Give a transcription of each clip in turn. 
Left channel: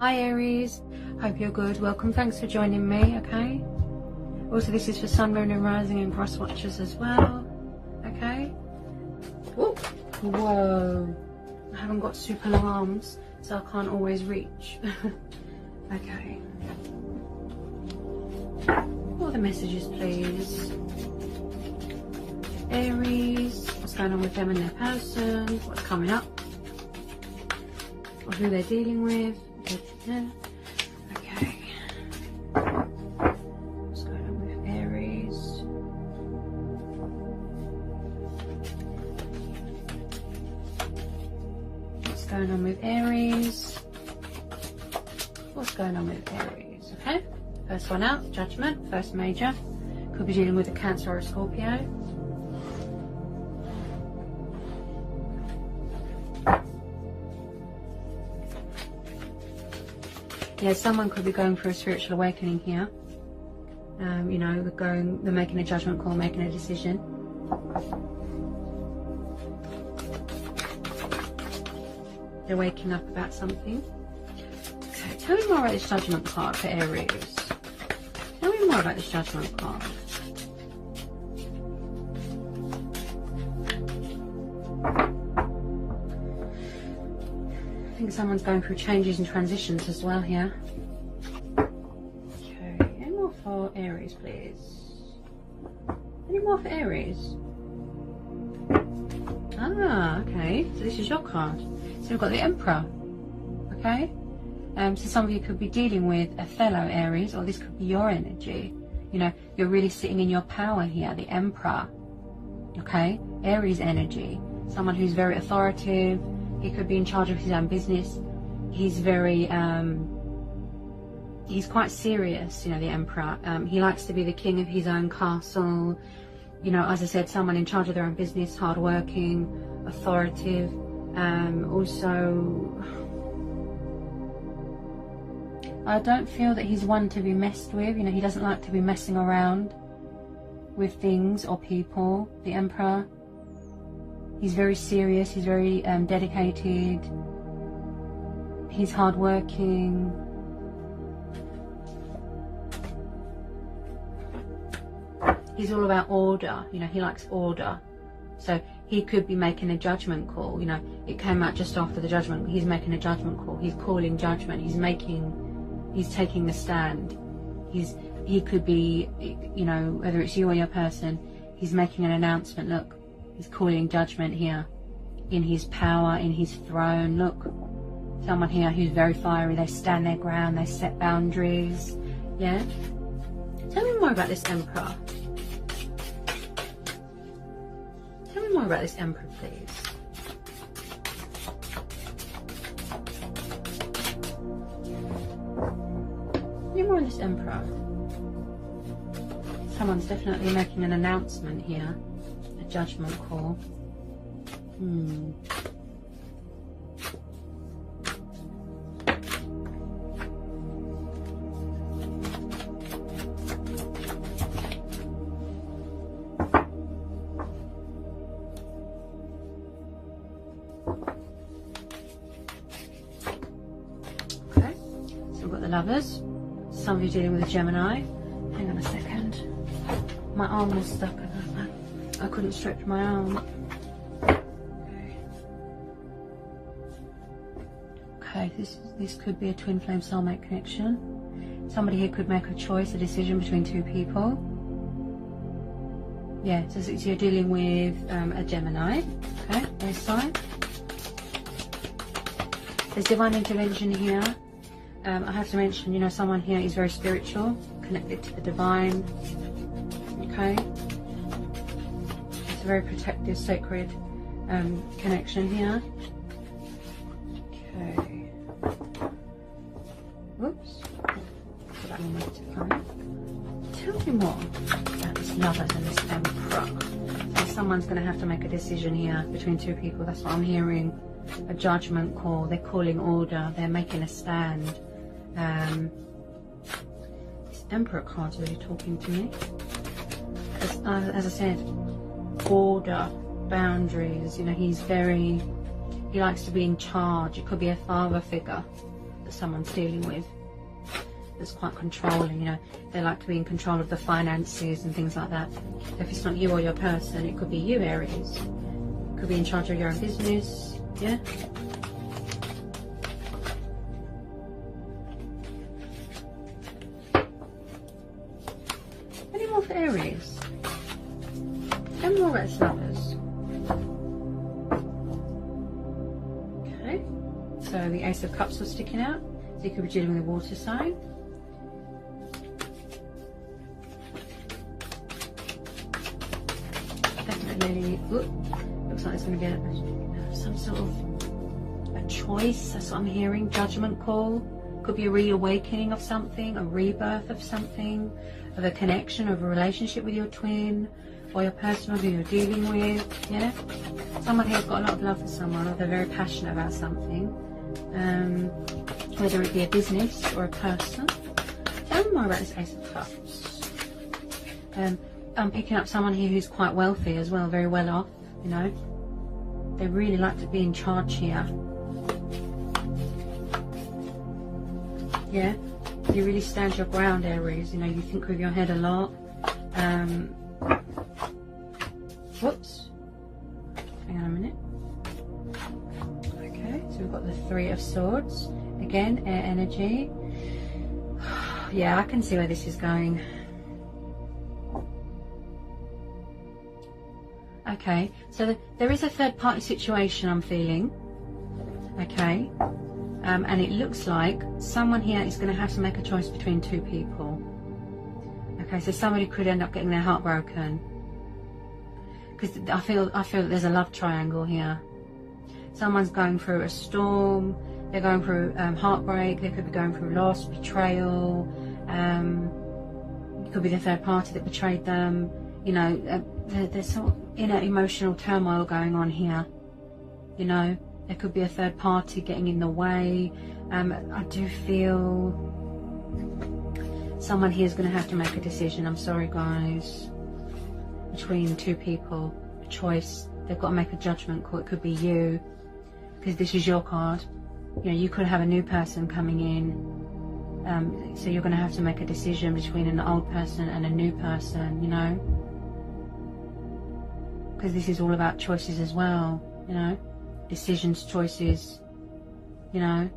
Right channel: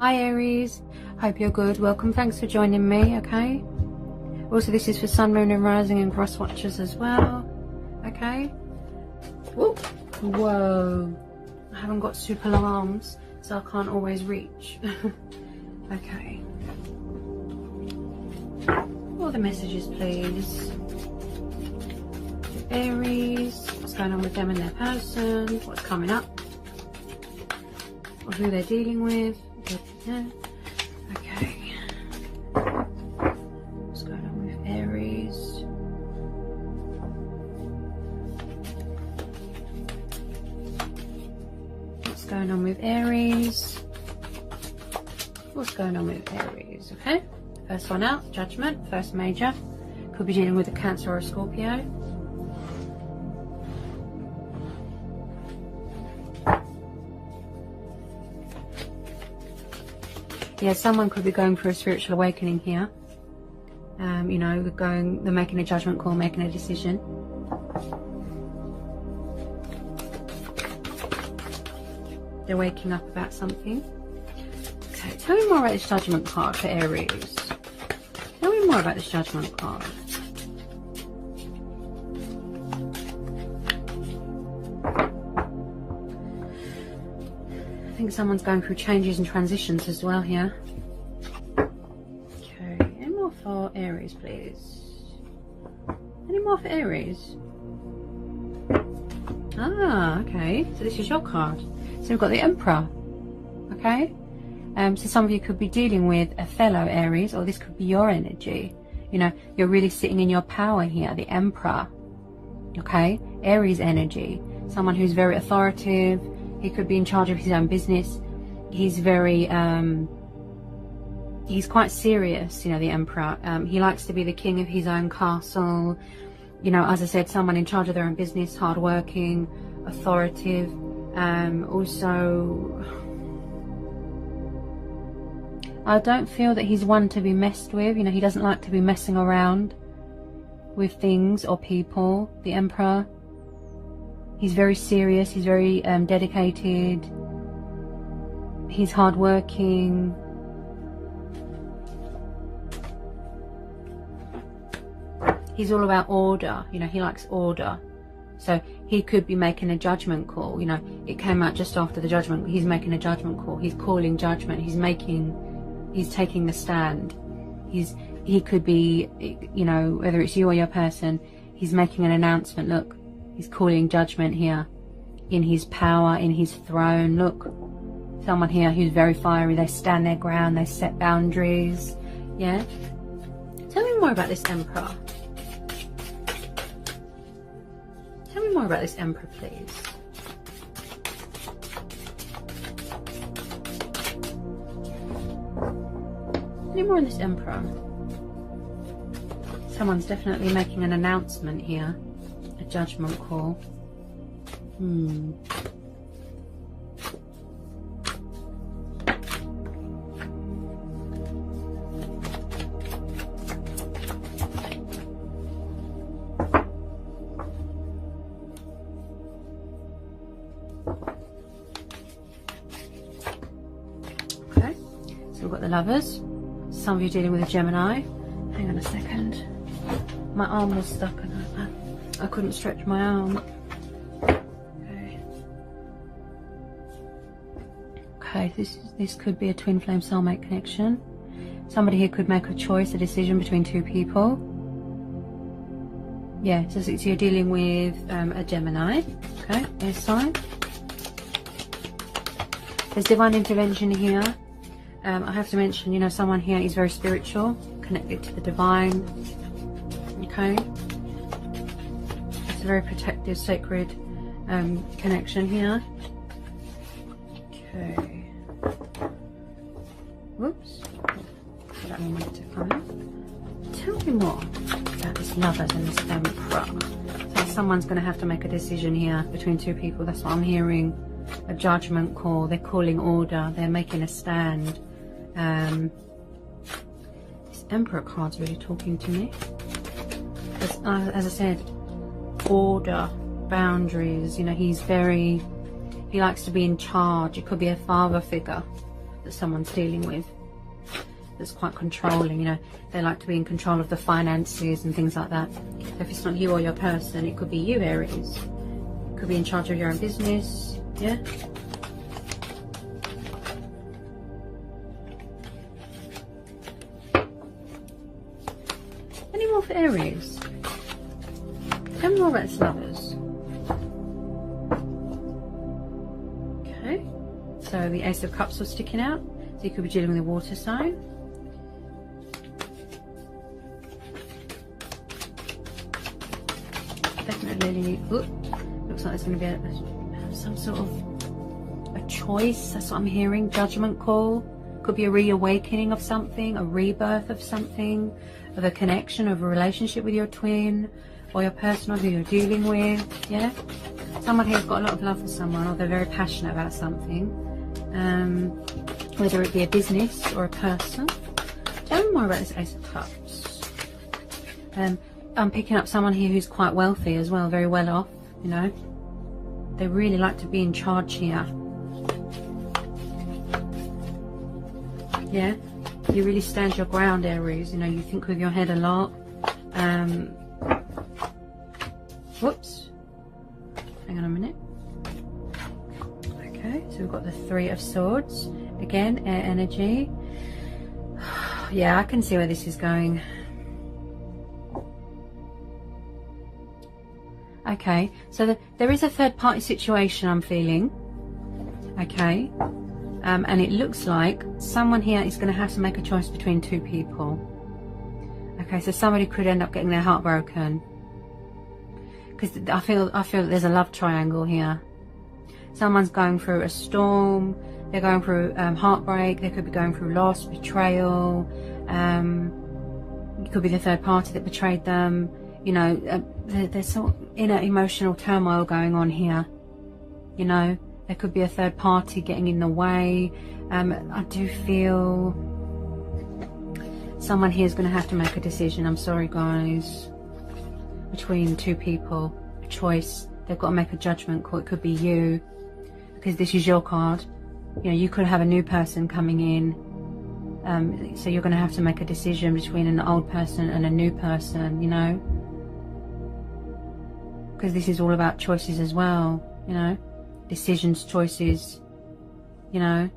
Hi Aries, hope you're good. Welcome, thanks for joining me. Okay, also this is for Sun, Moon and Rising and cross watchers as well. Okay. Ooh. Whoa, I haven't got super long arms, so I can't always reach. Okay, all the messages please. Aries, what's going on with them and their person, what's coming up, or who they're dealing with. Okay, what's going on with Aries? What's going on with Aries? What's going on with Aries? Okay, first one out, Judgment, first major. Could be dealing with a Cancer or a Scorpio. Yeah, someone could be going through a spiritual awakening here. You know, they're making a judgment call, making a decision. They're waking up about something. Okay, tell me more about this judgment card for Aries. Tell me more about this judgment card. I think someone's going through changes and transitions as well here. Okay, any more for Aries, please? Any more for Aries? Ah, okay. So this is your card. So we've got the Emperor. Okay. So some of you could be dealing with a fellow Aries, or this could be your energy. You know, you're really sitting in your power here, the Emperor. Okay, Aries energy. Someone who's very authoritative. He could be in charge of his own business. He's very, he's quite serious, you know, the Emperor. He likes to be the king of his own castle. You know, as I said, someone in charge of their own business, hardworking, authoritative. Also, I don't feel that he's one to be messed with. You know, he doesn't like to be messing around with things or people, the Emperor. He's very serious, he's very dedicated, he's hardworking. He's all about order, you know, he likes order. So he could be making a judgment call, you know, it came out just after the judgment. He's making a judgment call, he's calling judgment, he's taking the stand. He could be, you know, whether it's you or your person, he's making an announcement. Look, he's calling judgment here, in his power, in his throne. Look, someone here who's very fiery. They stand their ground, they set boundaries. Yeah. Tell me more about this Emperor. Tell me more about this Emperor, please. Any more on this Emperor? Someone's definitely making an announcement here. A judgment call. Okay, so we've got the Lovers. Some of you dealing with a Gemini. Hang on a second. My arm was stuck in it. I couldn't stretch my arm. Okay, this could be a twin flame soulmate connection. Somebody here could make a choice, a decision between two people. Yeah, so you're dealing with a Gemini. Okay, air sign. There's divine intervention here. I have to mention, you know, someone here is very spiritual, connected to the divine. Okay. It's a very protective, sacred connection here. Okay. Whoops. That one needs to come. Tell me more about this Lovers and this Emperor. So someone's going to have to make a decision here between two people. That's what I'm hearing. A judgment call. They're calling order. They're making a stand. This Emperor card's really talking to me. As I said, order, boundaries. You know, he likes to be in charge. It could be a father figure that someone's dealing with that's quite controlling. You know, they like to be in control of the finances and things like that. If it's not you or your person, it could be you, Aries. Could be in charge of your own business. Yeah. Any more for Aries? Tell me more about this lovers. Okay. So the Ace of Cups was sticking out. So you could be dealing with a water sign. Definitely. Looks like there's going to be some sort of a choice. That's what I'm hearing. Judgment call. Could be a reawakening of something, a rebirth of something, of a connection, of a relationship with your twin or your person who you're dealing with. Yeah. Someone here's got a lot of love for someone, or they're very passionate about something. Whether it be a business or a person. Tell me more about this Ace of Cups. I'm picking up someone here who's quite wealthy as well, very well off, you know. They really like to be in charge here. Yeah, you really stand your ground, Aries. You know, you think with your head a lot. Whoops. Hang on a minute. Okay, so we've got the Three of Swords. Again, air energy. Yeah, I can see where this is going. Okay, so there is a third party situation I'm feeling. Okay, and it looks like someone here is going to have to make a choice between two people. Okay, so somebody could end up getting their heart broken. Because I feel there's a love triangle here. Someone's going through a storm. They're going through heartbreak. They could be going through loss, betrayal. It could be the third party that betrayed them. You know, there's sort of inner emotional turmoil going on here. You know, there could be a third party getting in the way. I do feel someone here is going to have to make a decision. I'm sorry, guys. Between two people, a choice. They've got to make a judgment call. It could be you, because this is your card. You know, you could have a new person coming in. So you're going to have to make a decision between an old person and a new person, you know. Because this is all about choices as well, you know. Decisions, choices, you know.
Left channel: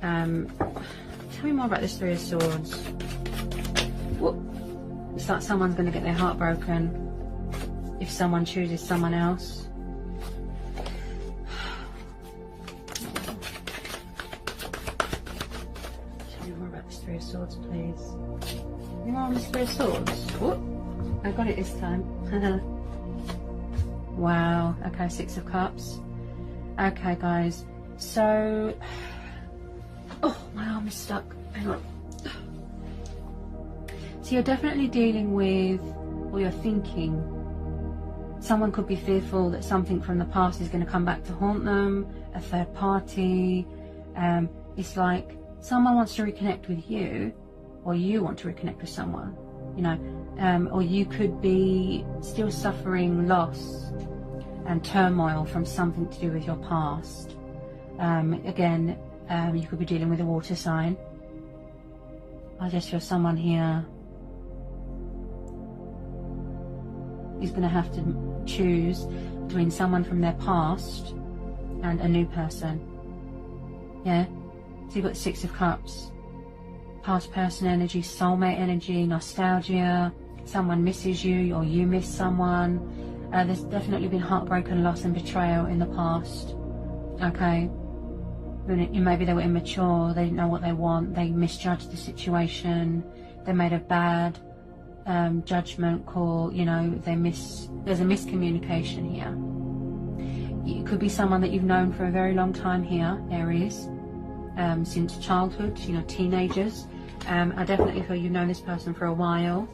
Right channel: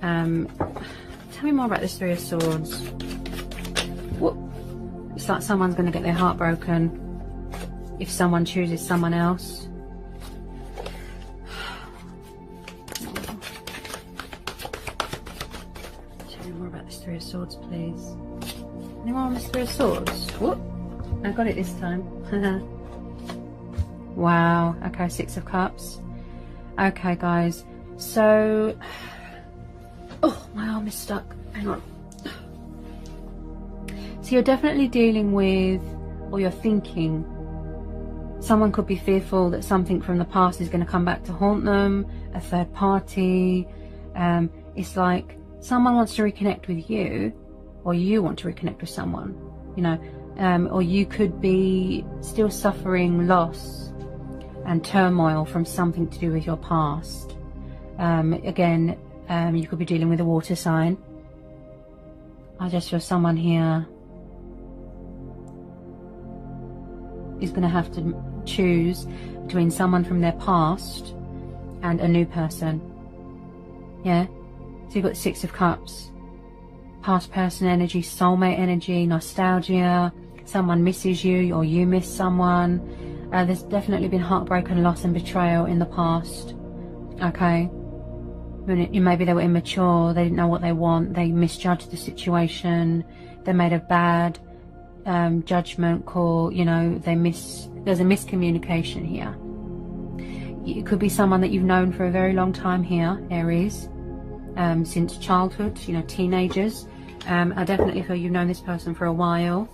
Tell me more about this Three of Swords. What? It's like someone's going to get their heart broken if someone chooses someone else. Tell me more about this Three of Swords, please. Any more on this Three of Swords? Whoop! I got it this time. Wow. Okay, Six of Cups. Okay, guys. So, oh, my arm is stuck. Hang on. So you're definitely dealing with, or you're thinking, someone could be fearful that something from the past is going to come back to haunt them, a third party. It's like someone wants to reconnect with you, or you want to reconnect with someone, you know, or you could be still suffering loss and turmoil from something to do with your past. Again, you could be dealing with a water sign. I just feel someone here is going to have to choose between someone from their past and a new person. Yeah, so you've got the Six of Cups, past person energy, soulmate energy, nostalgia, someone misses you or you miss someone. There's definitely been heartbreak and loss and betrayal in the past. Okay, maybe they were immature, they didn't know what they want, they misjudged the situation, they made a bad judgment call, you know, there's a miscommunication here. It could be someone that you've known for a very long time here, Aries, since childhood, you know, teenagers. I definitely feel you've known this person for a while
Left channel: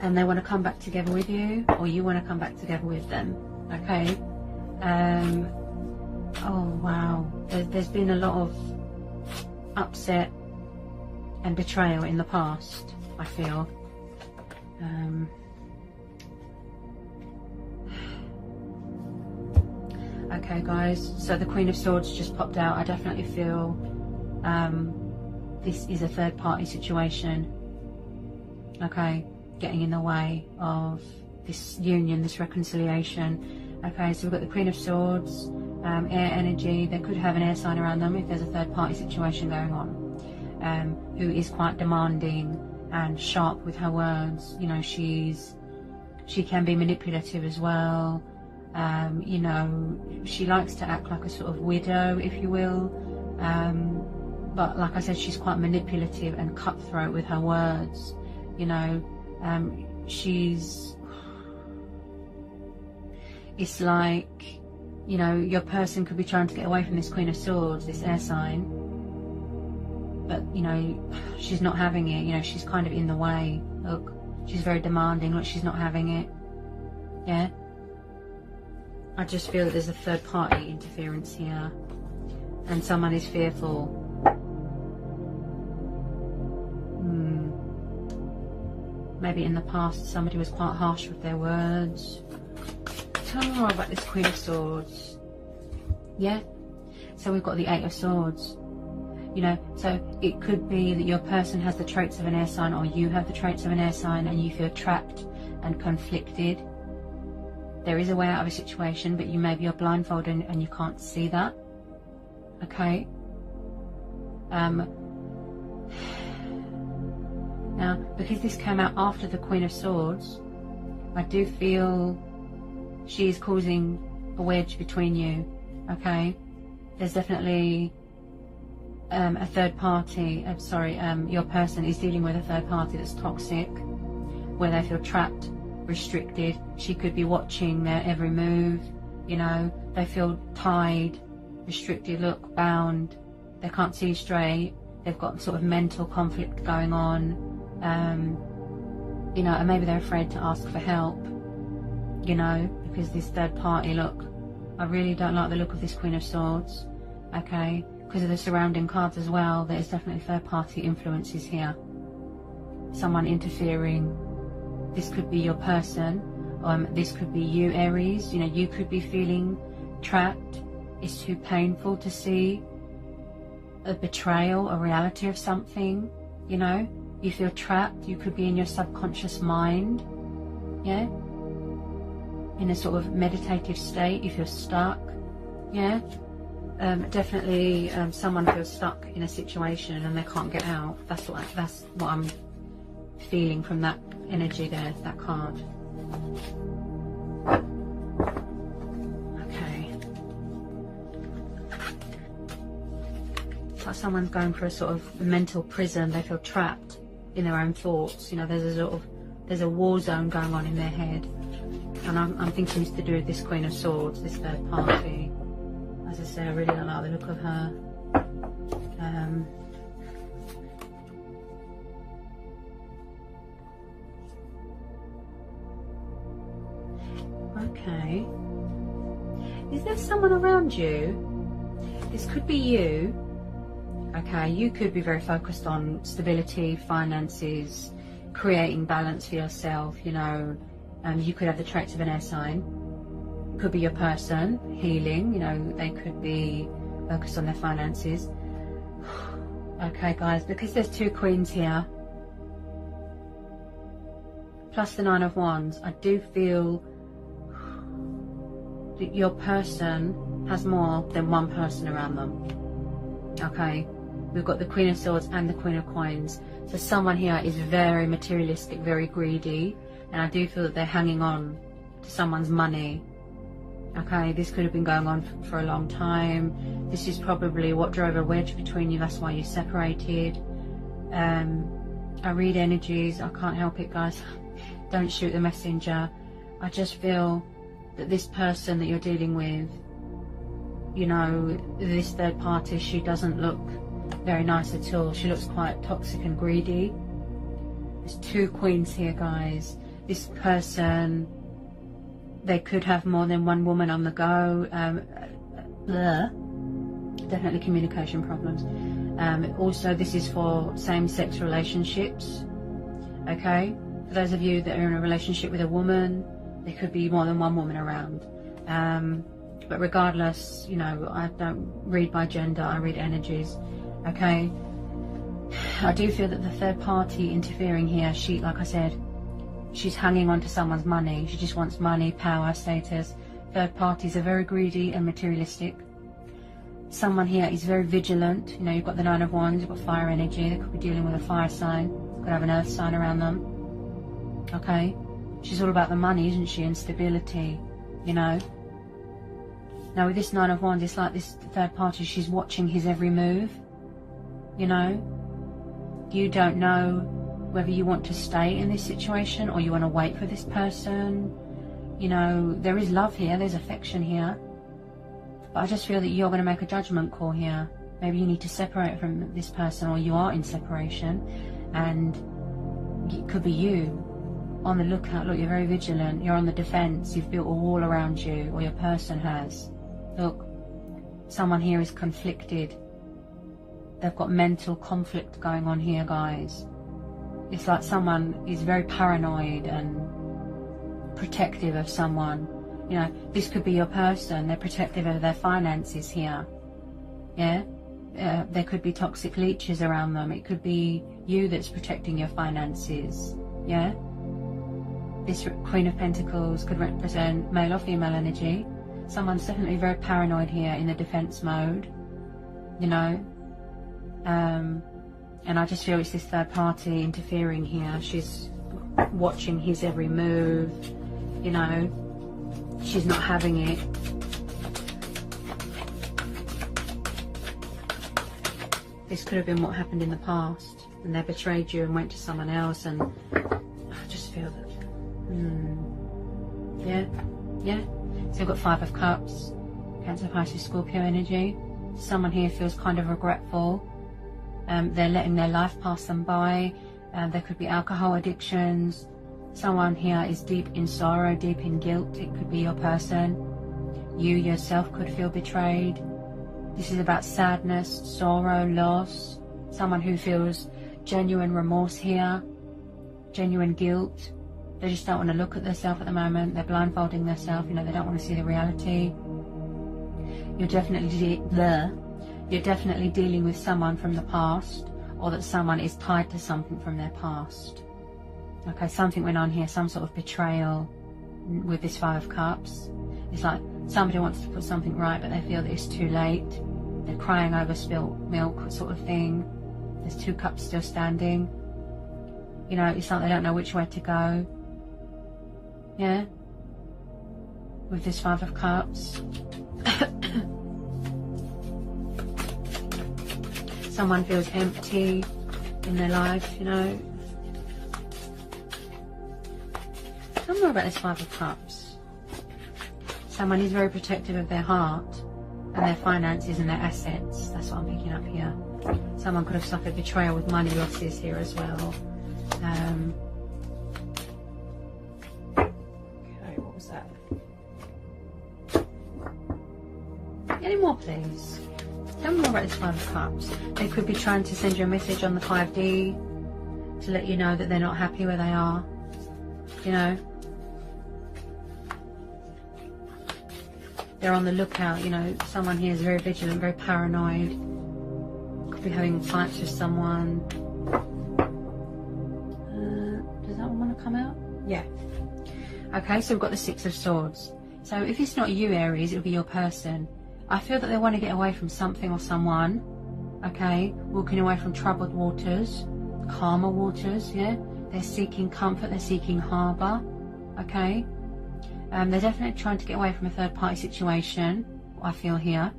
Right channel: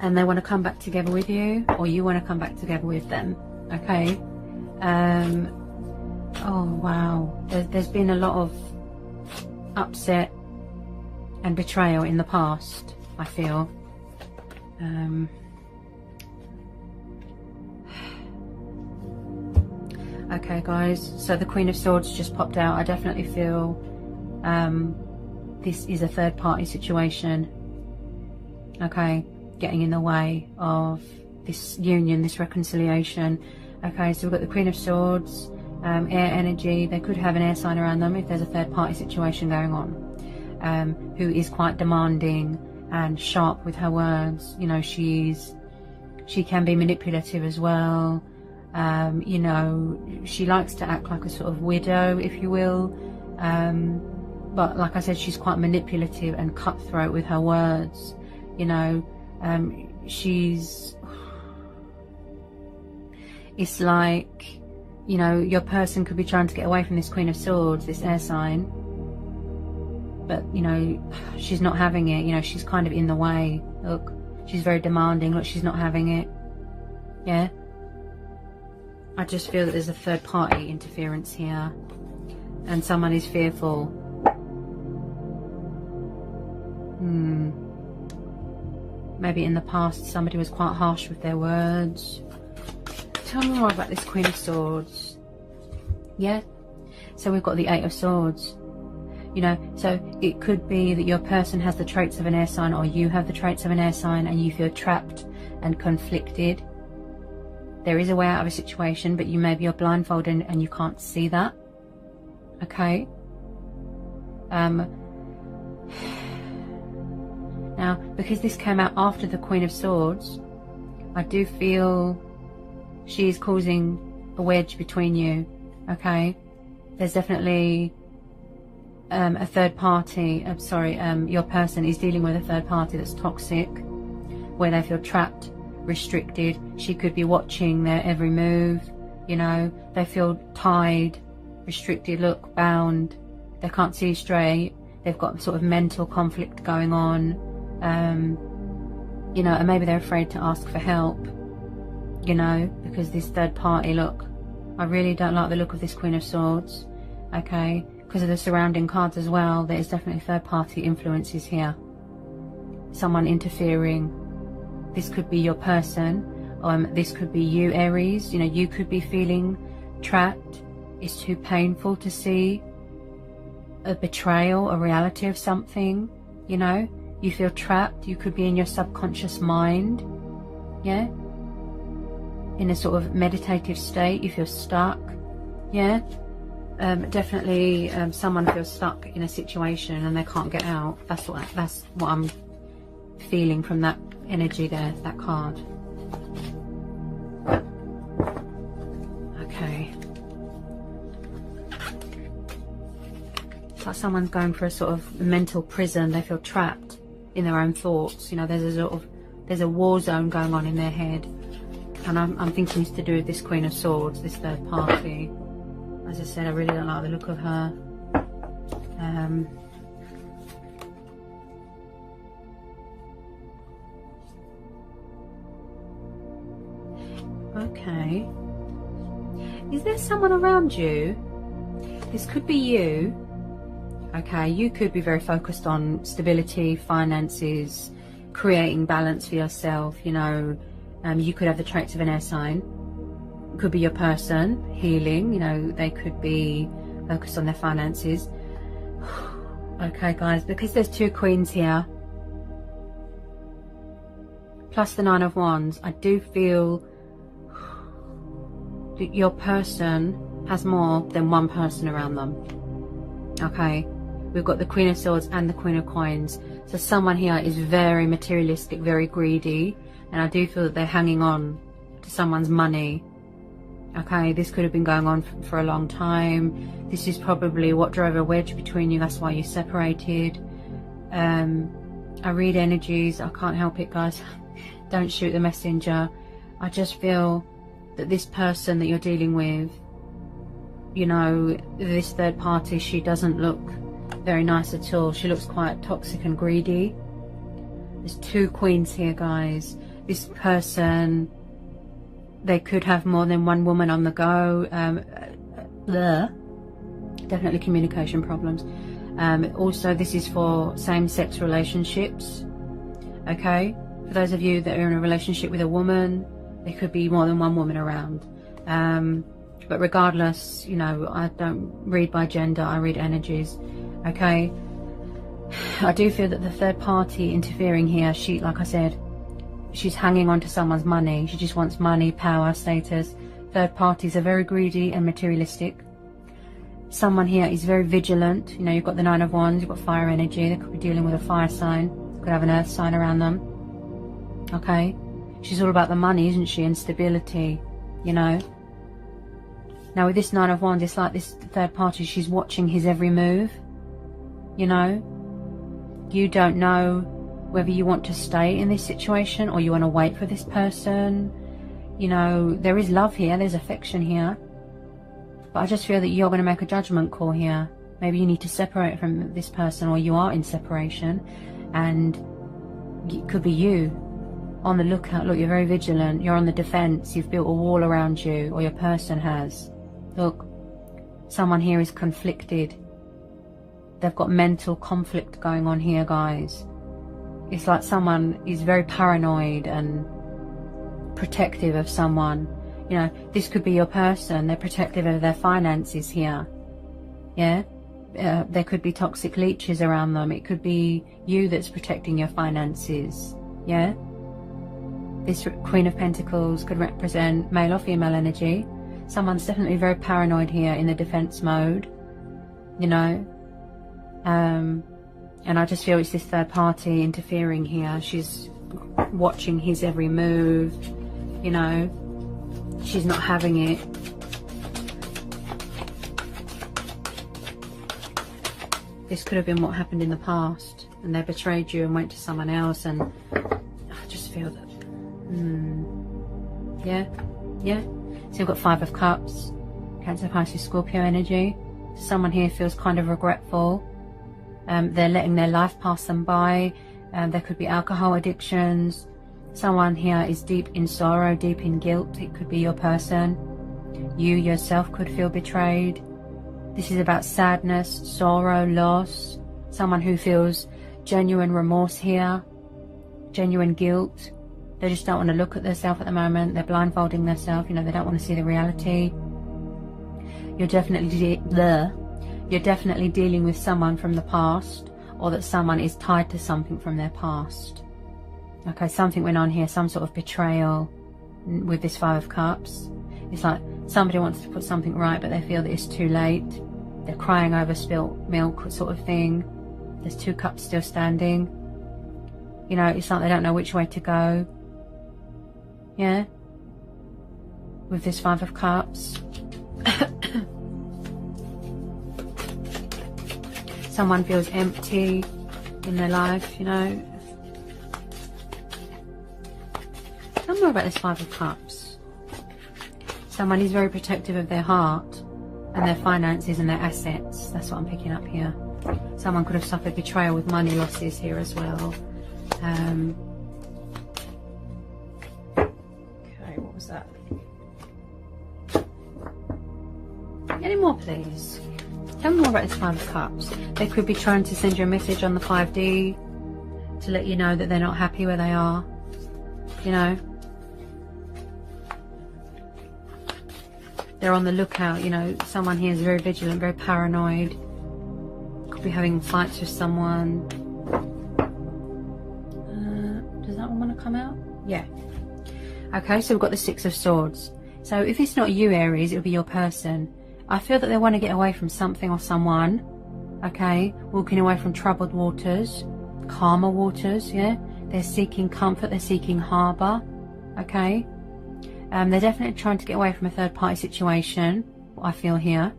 and they want to come back together with you, or you want to come back together with them. Okay. Oh wow, there's been a lot of upset and betrayal in the past, I feel. Okay guys, so the Queen of Swords just popped out. I definitely feel This is a third party situation, okay, getting in the way of this union, this reconciliation. Okay, so we've got the Queen of Swords, air energy. They could have an air sign around them if there's a third party situation going on, who is quite demanding and sharp with her words. You know, she can be manipulative as well. You know, she likes to act like a sort of widow, if you will. But like I said, she's quite manipulative and cutthroat with her words. You know, it's like, you know, your person could be trying to get away from this Queen of Swords, this air sign, but, you know, she's not having it. You know, she's kind of in the way. Look, she's very demanding. Look, she's not having it. Yeah. I just feel that there's a third party interference here, and someone is fearful. Maybe in the past somebody was quite harsh with their words. Tell me more about this Queen of Swords. Yeah, so we've got the Eight of Swords. You know, so it could be that your person has the traits of an air sign, or you have the traits of an air sign, and you feel trapped and conflicted. There is a way out of a situation, but you're blindfolded and you can't see that. Okay. Now, because this came out after the Queen of Swords, I do feel she is causing a wedge between you. Okay. There's definitely a third party. Your person is dealing with a third party that's toxic, where they feel trapped, restricted. She could be watching their every move. You know, they feel tied, restricted, look, bound. They can't see straight. They've got sort of mental conflict going on. You know, and maybe they're afraid to ask for help, you know, because this third party, look, I really don't like the look of this Queen of Swords. Okay, because of the surrounding cards as well. There is definitely third party influences here. Someone interfering. This could be your person. This could be you, Aries. You know, you could be feeling trapped. It's too painful to see a betrayal, a reality of something. You know, you feel trapped. You could be in your subconscious mind. Yeah, in a sort of meditative state. You feel stuck. Yeah. Definitely someone feels stuck in a situation and they can't get out. That's what I'm feeling from that energy there, that card. Okay. It's like someone's going for a sort of mental prison. They feel trapped in their own thoughts. You know, there's a war zone going on in their head. And I'm thinking it's to do with this Queen of Swords, this third party. As I said, I really don't like the look of her. Okay. Is there someone around you? This could be you. Okay, you could be very focused on stability, finances, creating balance for yourself. You know, you could have the traits of an air sign. Could be your person, healing. You know, they could be focused on their finances. Okay, guys, because there's two queens here, plus the Nine of Wands, I do feel that your person has more than one person around them. Okay, we've got the Queen of Swords and the Queen of Coins. So someone here is very materialistic, very greedy, and I do feel that they're hanging on to someone's money. Okay, this could have been going on for a long time. This is probably what drove a wedge between you. That's why you separated. I read energies. I can't help it, guys. Don't shoot the messenger. I just feel that this person that you're dealing with, you know, this third party, she doesn't look very nice at all. She looks quite toxic and greedy. There's two queens here, guys. This person, they could have more than one woman on the go. Definitely communication problems. Also, this is for same-sex relationships. Okay, for those of you that are in a relationship with a woman, there could be more than one woman around. But regardless, you know, I don't read by gender, I read energies. Okay, I do feel that the third party interfering here, she, like I said, she's hanging on to someone's money. She just wants money, power, status. Third parties are very greedy and materialistic. Someone here is very vigilant. You know, you've got the Nine of Wands, you've got fire energy. They could be dealing with a fire sign, could have an earth sign around them. Okay, she's all about the money, isn't she, and stability, you know. Now with this Nine of Wands, it's like this third party, she's watching his every move, you know. You don't know whether you want to stay in this situation or you want to wait for this person. You know, there is love here, there's affection here. But I just feel that you're going to make a judgment call here. Maybe you need to separate from this person, or you are in separation. And it could be you. On the lookout. Look, you're very vigilant. You're on the defense. You've built a wall around you, or your person has. Look, someone here is conflicted. They've got mental conflict going on here, guys. It's like someone is very paranoid and protective of someone. You know, this could be your person. They're protective of their finances here. Yeah? There could be toxic leeches around them. It could be you that's protecting your finances. Yeah? This Queen of Pentacles could represent male or female energy. Someone's definitely very paranoid here, in the defense mode, you know. And I just feel it's this third party interfering here. She's watching his every move, you know. She's not having it. This could have been what happened in the past, and they betrayed you and went to someone else, and I just feel that. Yeah. So you've got Five of Cups, Cancer, Pisces, Scorpio energy. Someone here feels kind of regretful. They're letting their life pass them by. There could be alcohol addictions. Someone here is deep in sorrow, deep in guilt. It could be your person. You yourself could feel betrayed. This is about sadness, sorrow, loss. Someone who feels genuine remorse here, genuine guilt. They just don't want to look at themselves at the moment. They're blindfolding themselves. You know, they don't want to see the reality. You're definitely dealing with someone from the past, or that someone is tied to something from their past. Okay, something went on here, some sort of betrayal with this Five of Cups. It's like somebody wants to put something right, but they feel that it's too late. They're crying over spilt milk, sort of thing. There's two cups still standing. You know, it's like they don't know which way to go. Yeah, with this Five of Cups. Someone feels empty in their life, you know. Tell me more about this Five of Cups. Someone is very protective of their heart and their finances and their assets. That's what I'm picking up here. Someone could have suffered betrayal with money losses here as well. What was that? Any more, please? Tell me more about this Five of Cups. They could be trying to send you a message on the 5D to let you know that they're not happy where they are. You know, they're on the lookout. You know, someone here is very vigilant, very paranoid. Could be having fights with someone. Does that one want to come out? Yeah. Okay, so we've got the Six of Swords. So if it's not you, Aries, it'll be your person. I feel that they want to get away from something or someone. Okay, walking away from troubled waters, calmer waters, yeah. They're seeking comfort, they're seeking harbour. Okay. They're definitely trying to get away from a third party situation, I feel here.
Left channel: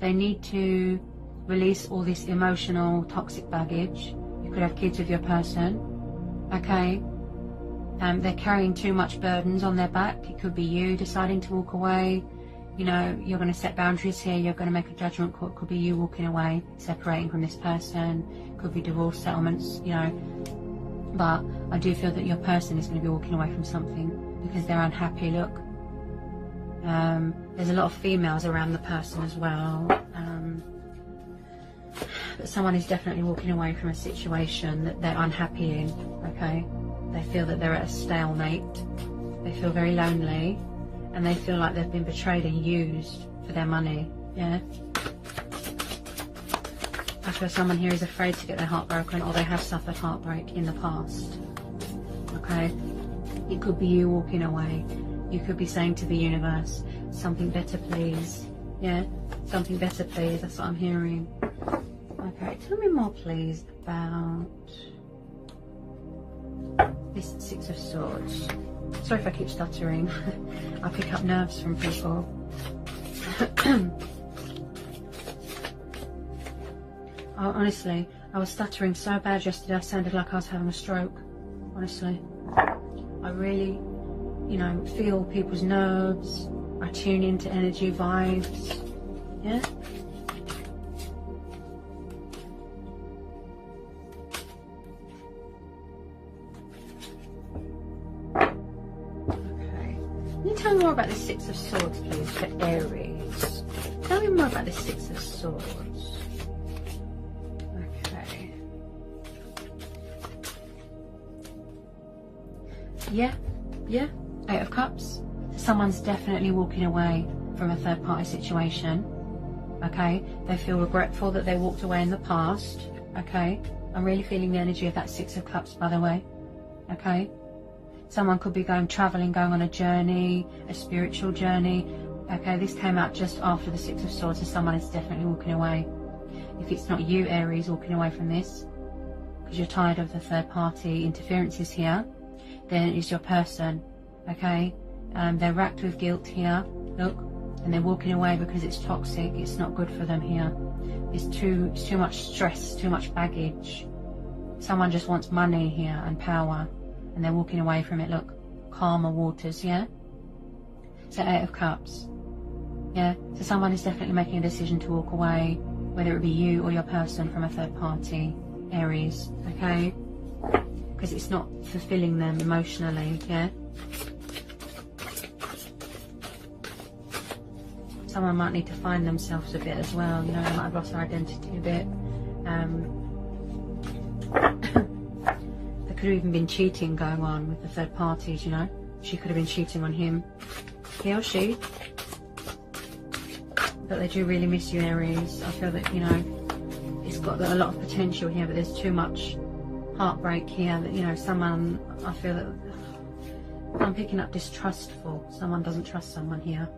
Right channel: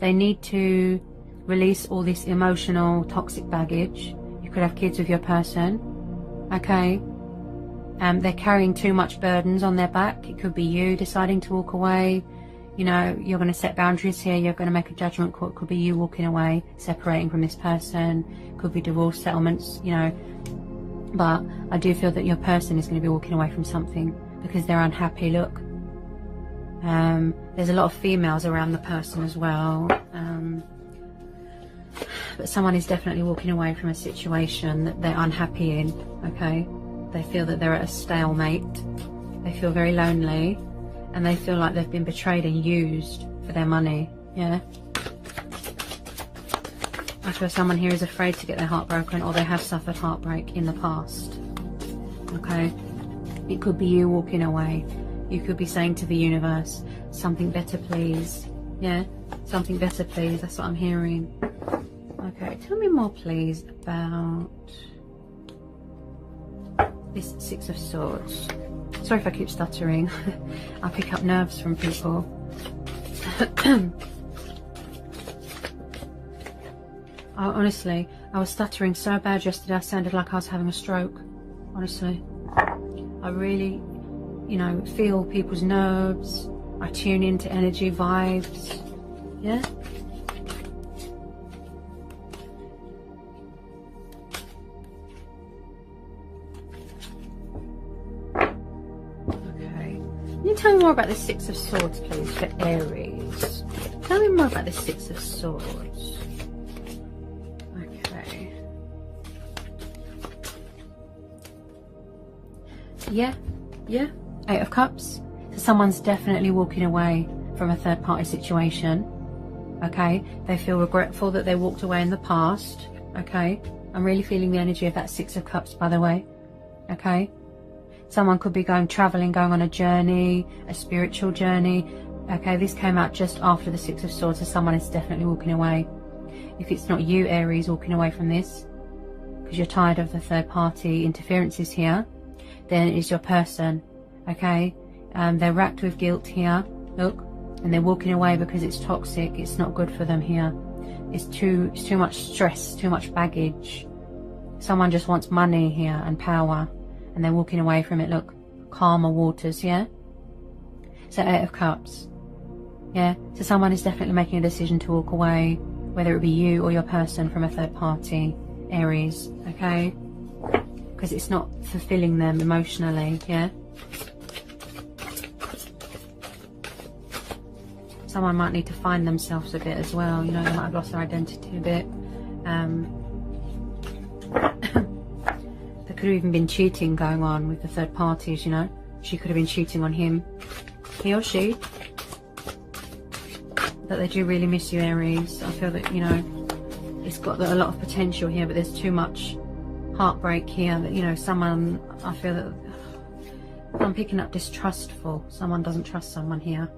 They need to release all this emotional, toxic baggage. You could have kids with your person. Okay. They're carrying too much burdens on their back. It could be you deciding to walk away. You know, you're going to set boundaries here. You're going to make a judgment call. It could be you walking away, separating from this person. It could be divorce settlements, you know. But I do feel that your person is going to be walking away from something because they're unhappy. Look. There's a lot of females around the person as well. But someone is definitely walking away from a situation that they're unhappy in, okay? They feel that they're at a stalemate. They feel very lonely. And they feel like they've been betrayed and used for their money, yeah? I feel someone here is afraid to get their heart broken, or they have suffered heartbreak in the past. Okay? It could be you walking away. You could be saying to the universe, something better please. Yeah? Something better please. That's what I'm hearing. Okay, tell me more please about this Six of Swords. Sorry if I keep stuttering. I pick up nerves from people. Honestly, I was stuttering so bad yesterday I sounded like I was having a stroke. Honestly. I really, you know, feel people's nerves. I tune into energy, vibes. Yeah? Okay. Can you tell me more about the Six of Swords, please, for Aries? Tell me more about the Six of Swords. Okay. Yeah. Eight of Cups. So someone's definitely walking away from a third party situation. Okay. They feel regretful that they walked away in the past. Okay. I'm really feeling the energy of that Six of Cups, by the way. Okay. Someone could be traveling, going on a journey, a spiritual journey. Okay. This came out just after the Six of Swords, so someone is definitely walking away. If it's not you, Aries, walking away from this, because you're tired of the third party interferences here, then it's your person. Okay. They're racked with guilt here. Look. And they're walking away because it's toxic. It's not good for them here. It's too much stress, too much baggage. Someone just wants money here and power, and they're walking away from it. Look, calmer waters, yeah? So Eight of Cups, yeah? So someone is definitely making a decision to walk away, whether it be you or your person, from a third party, Aries, okay? Because it's not fulfilling them emotionally, yeah? Someone might need to find themselves a bit as well, you know, they might have lost their identity a bit. There could have even been cheating going on with the third parties, you know. She could have been cheating on him, he or she. But they do really miss you, Aries. I feel that, you know, it's got a lot of potential here, but there's too much heartbreak here that, you know, someone, I feel that I'm picking up distrustful. Someone doesn't trust someone here.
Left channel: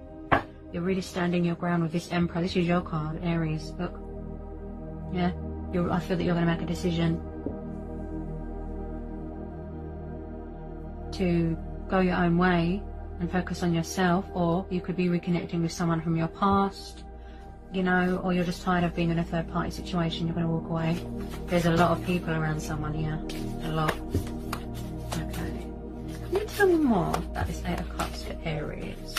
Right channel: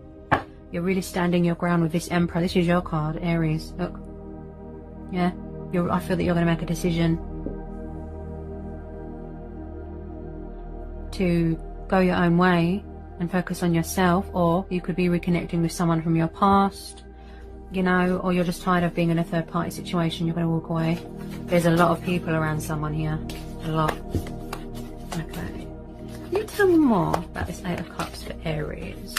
You're really standing your ground with this Emperor. This is your card, Aries. Look. Yeah. I feel that you're going to make a decision to go your own way and focus on yourself, or you could be reconnecting with someone from your past, you know, or you're just tired of being in a third party situation. You're going to walk away. There's a lot of people around someone here. A lot. Okay. Can you tell me more about this Eight of Cups for Aries?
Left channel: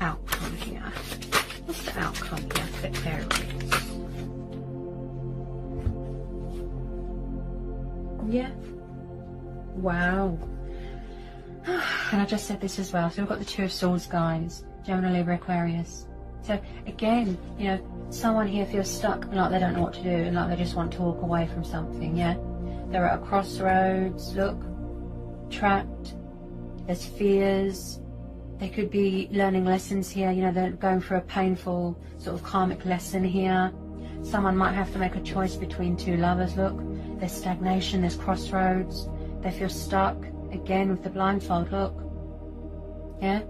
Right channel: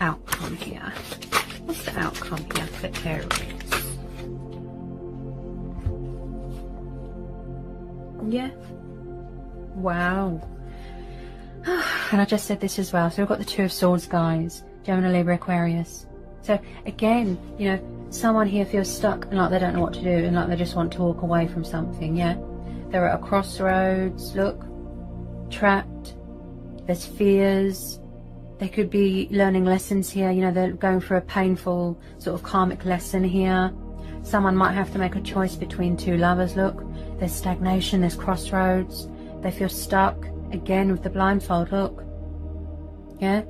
Outcome here. What's the outcome here for Aries? Yeah. Wow. And I just said this as well. So we've got the Two of Swords, guys. Gemini, Libra, Aquarius. So again, you know, someone here feels stuck and like they don't know what to do, and like they just want to walk away from something. Yeah. They're at a crossroads. Look. Trapped. There's fears. They could be learning lessons here. You know, they're going through a painful sort of karmic lesson here. Someone might have to make a choice between two lovers. Look, there's stagnation, there's crossroads. They feel stuck. Again, with the blindfold, look. Yeah?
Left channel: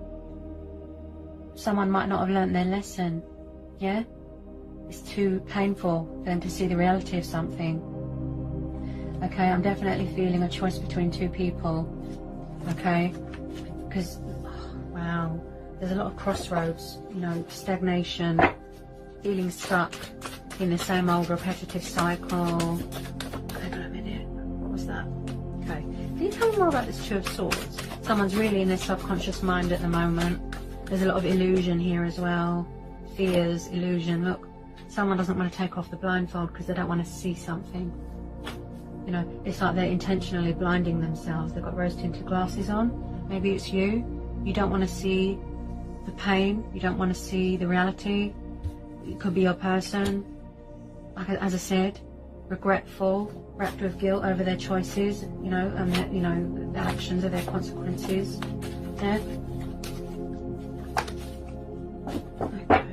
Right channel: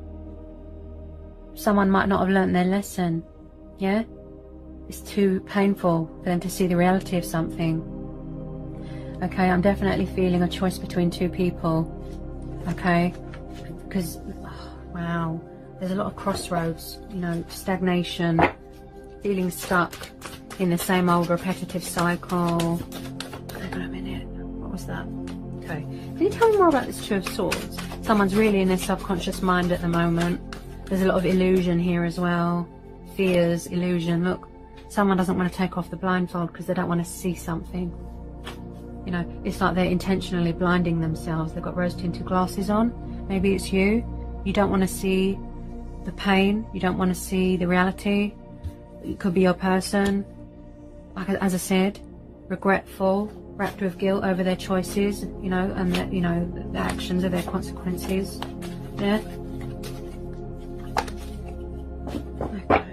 Someone might not have learnt their lesson. Yeah? It's too painful for them to see the reality of something. Okay, I'm definitely feeling a choice between two people. Okay? Because, wow, there's a lot of crossroads, you know, stagnation, feeling stuck in the same old repetitive cycle. Hold on a minute, what was that? Okay, can you tell me more about this Two of Swords? Someone's really in their subconscious mind at the moment. There's a lot of illusion here as well. Fears, illusion. Look, someone doesn't want to take off the blindfold because they don't want to see something. You know, it's like they're intentionally blinding themselves. They've got rose-tinted glasses on. Maybe it's you. You don't want to see the pain. You don't want to see the reality. It could be your person. Like, as I said, regretful, wrapped with guilt over their choices, you know, and the, you know, the actions of their consequences. Yeah. Okay.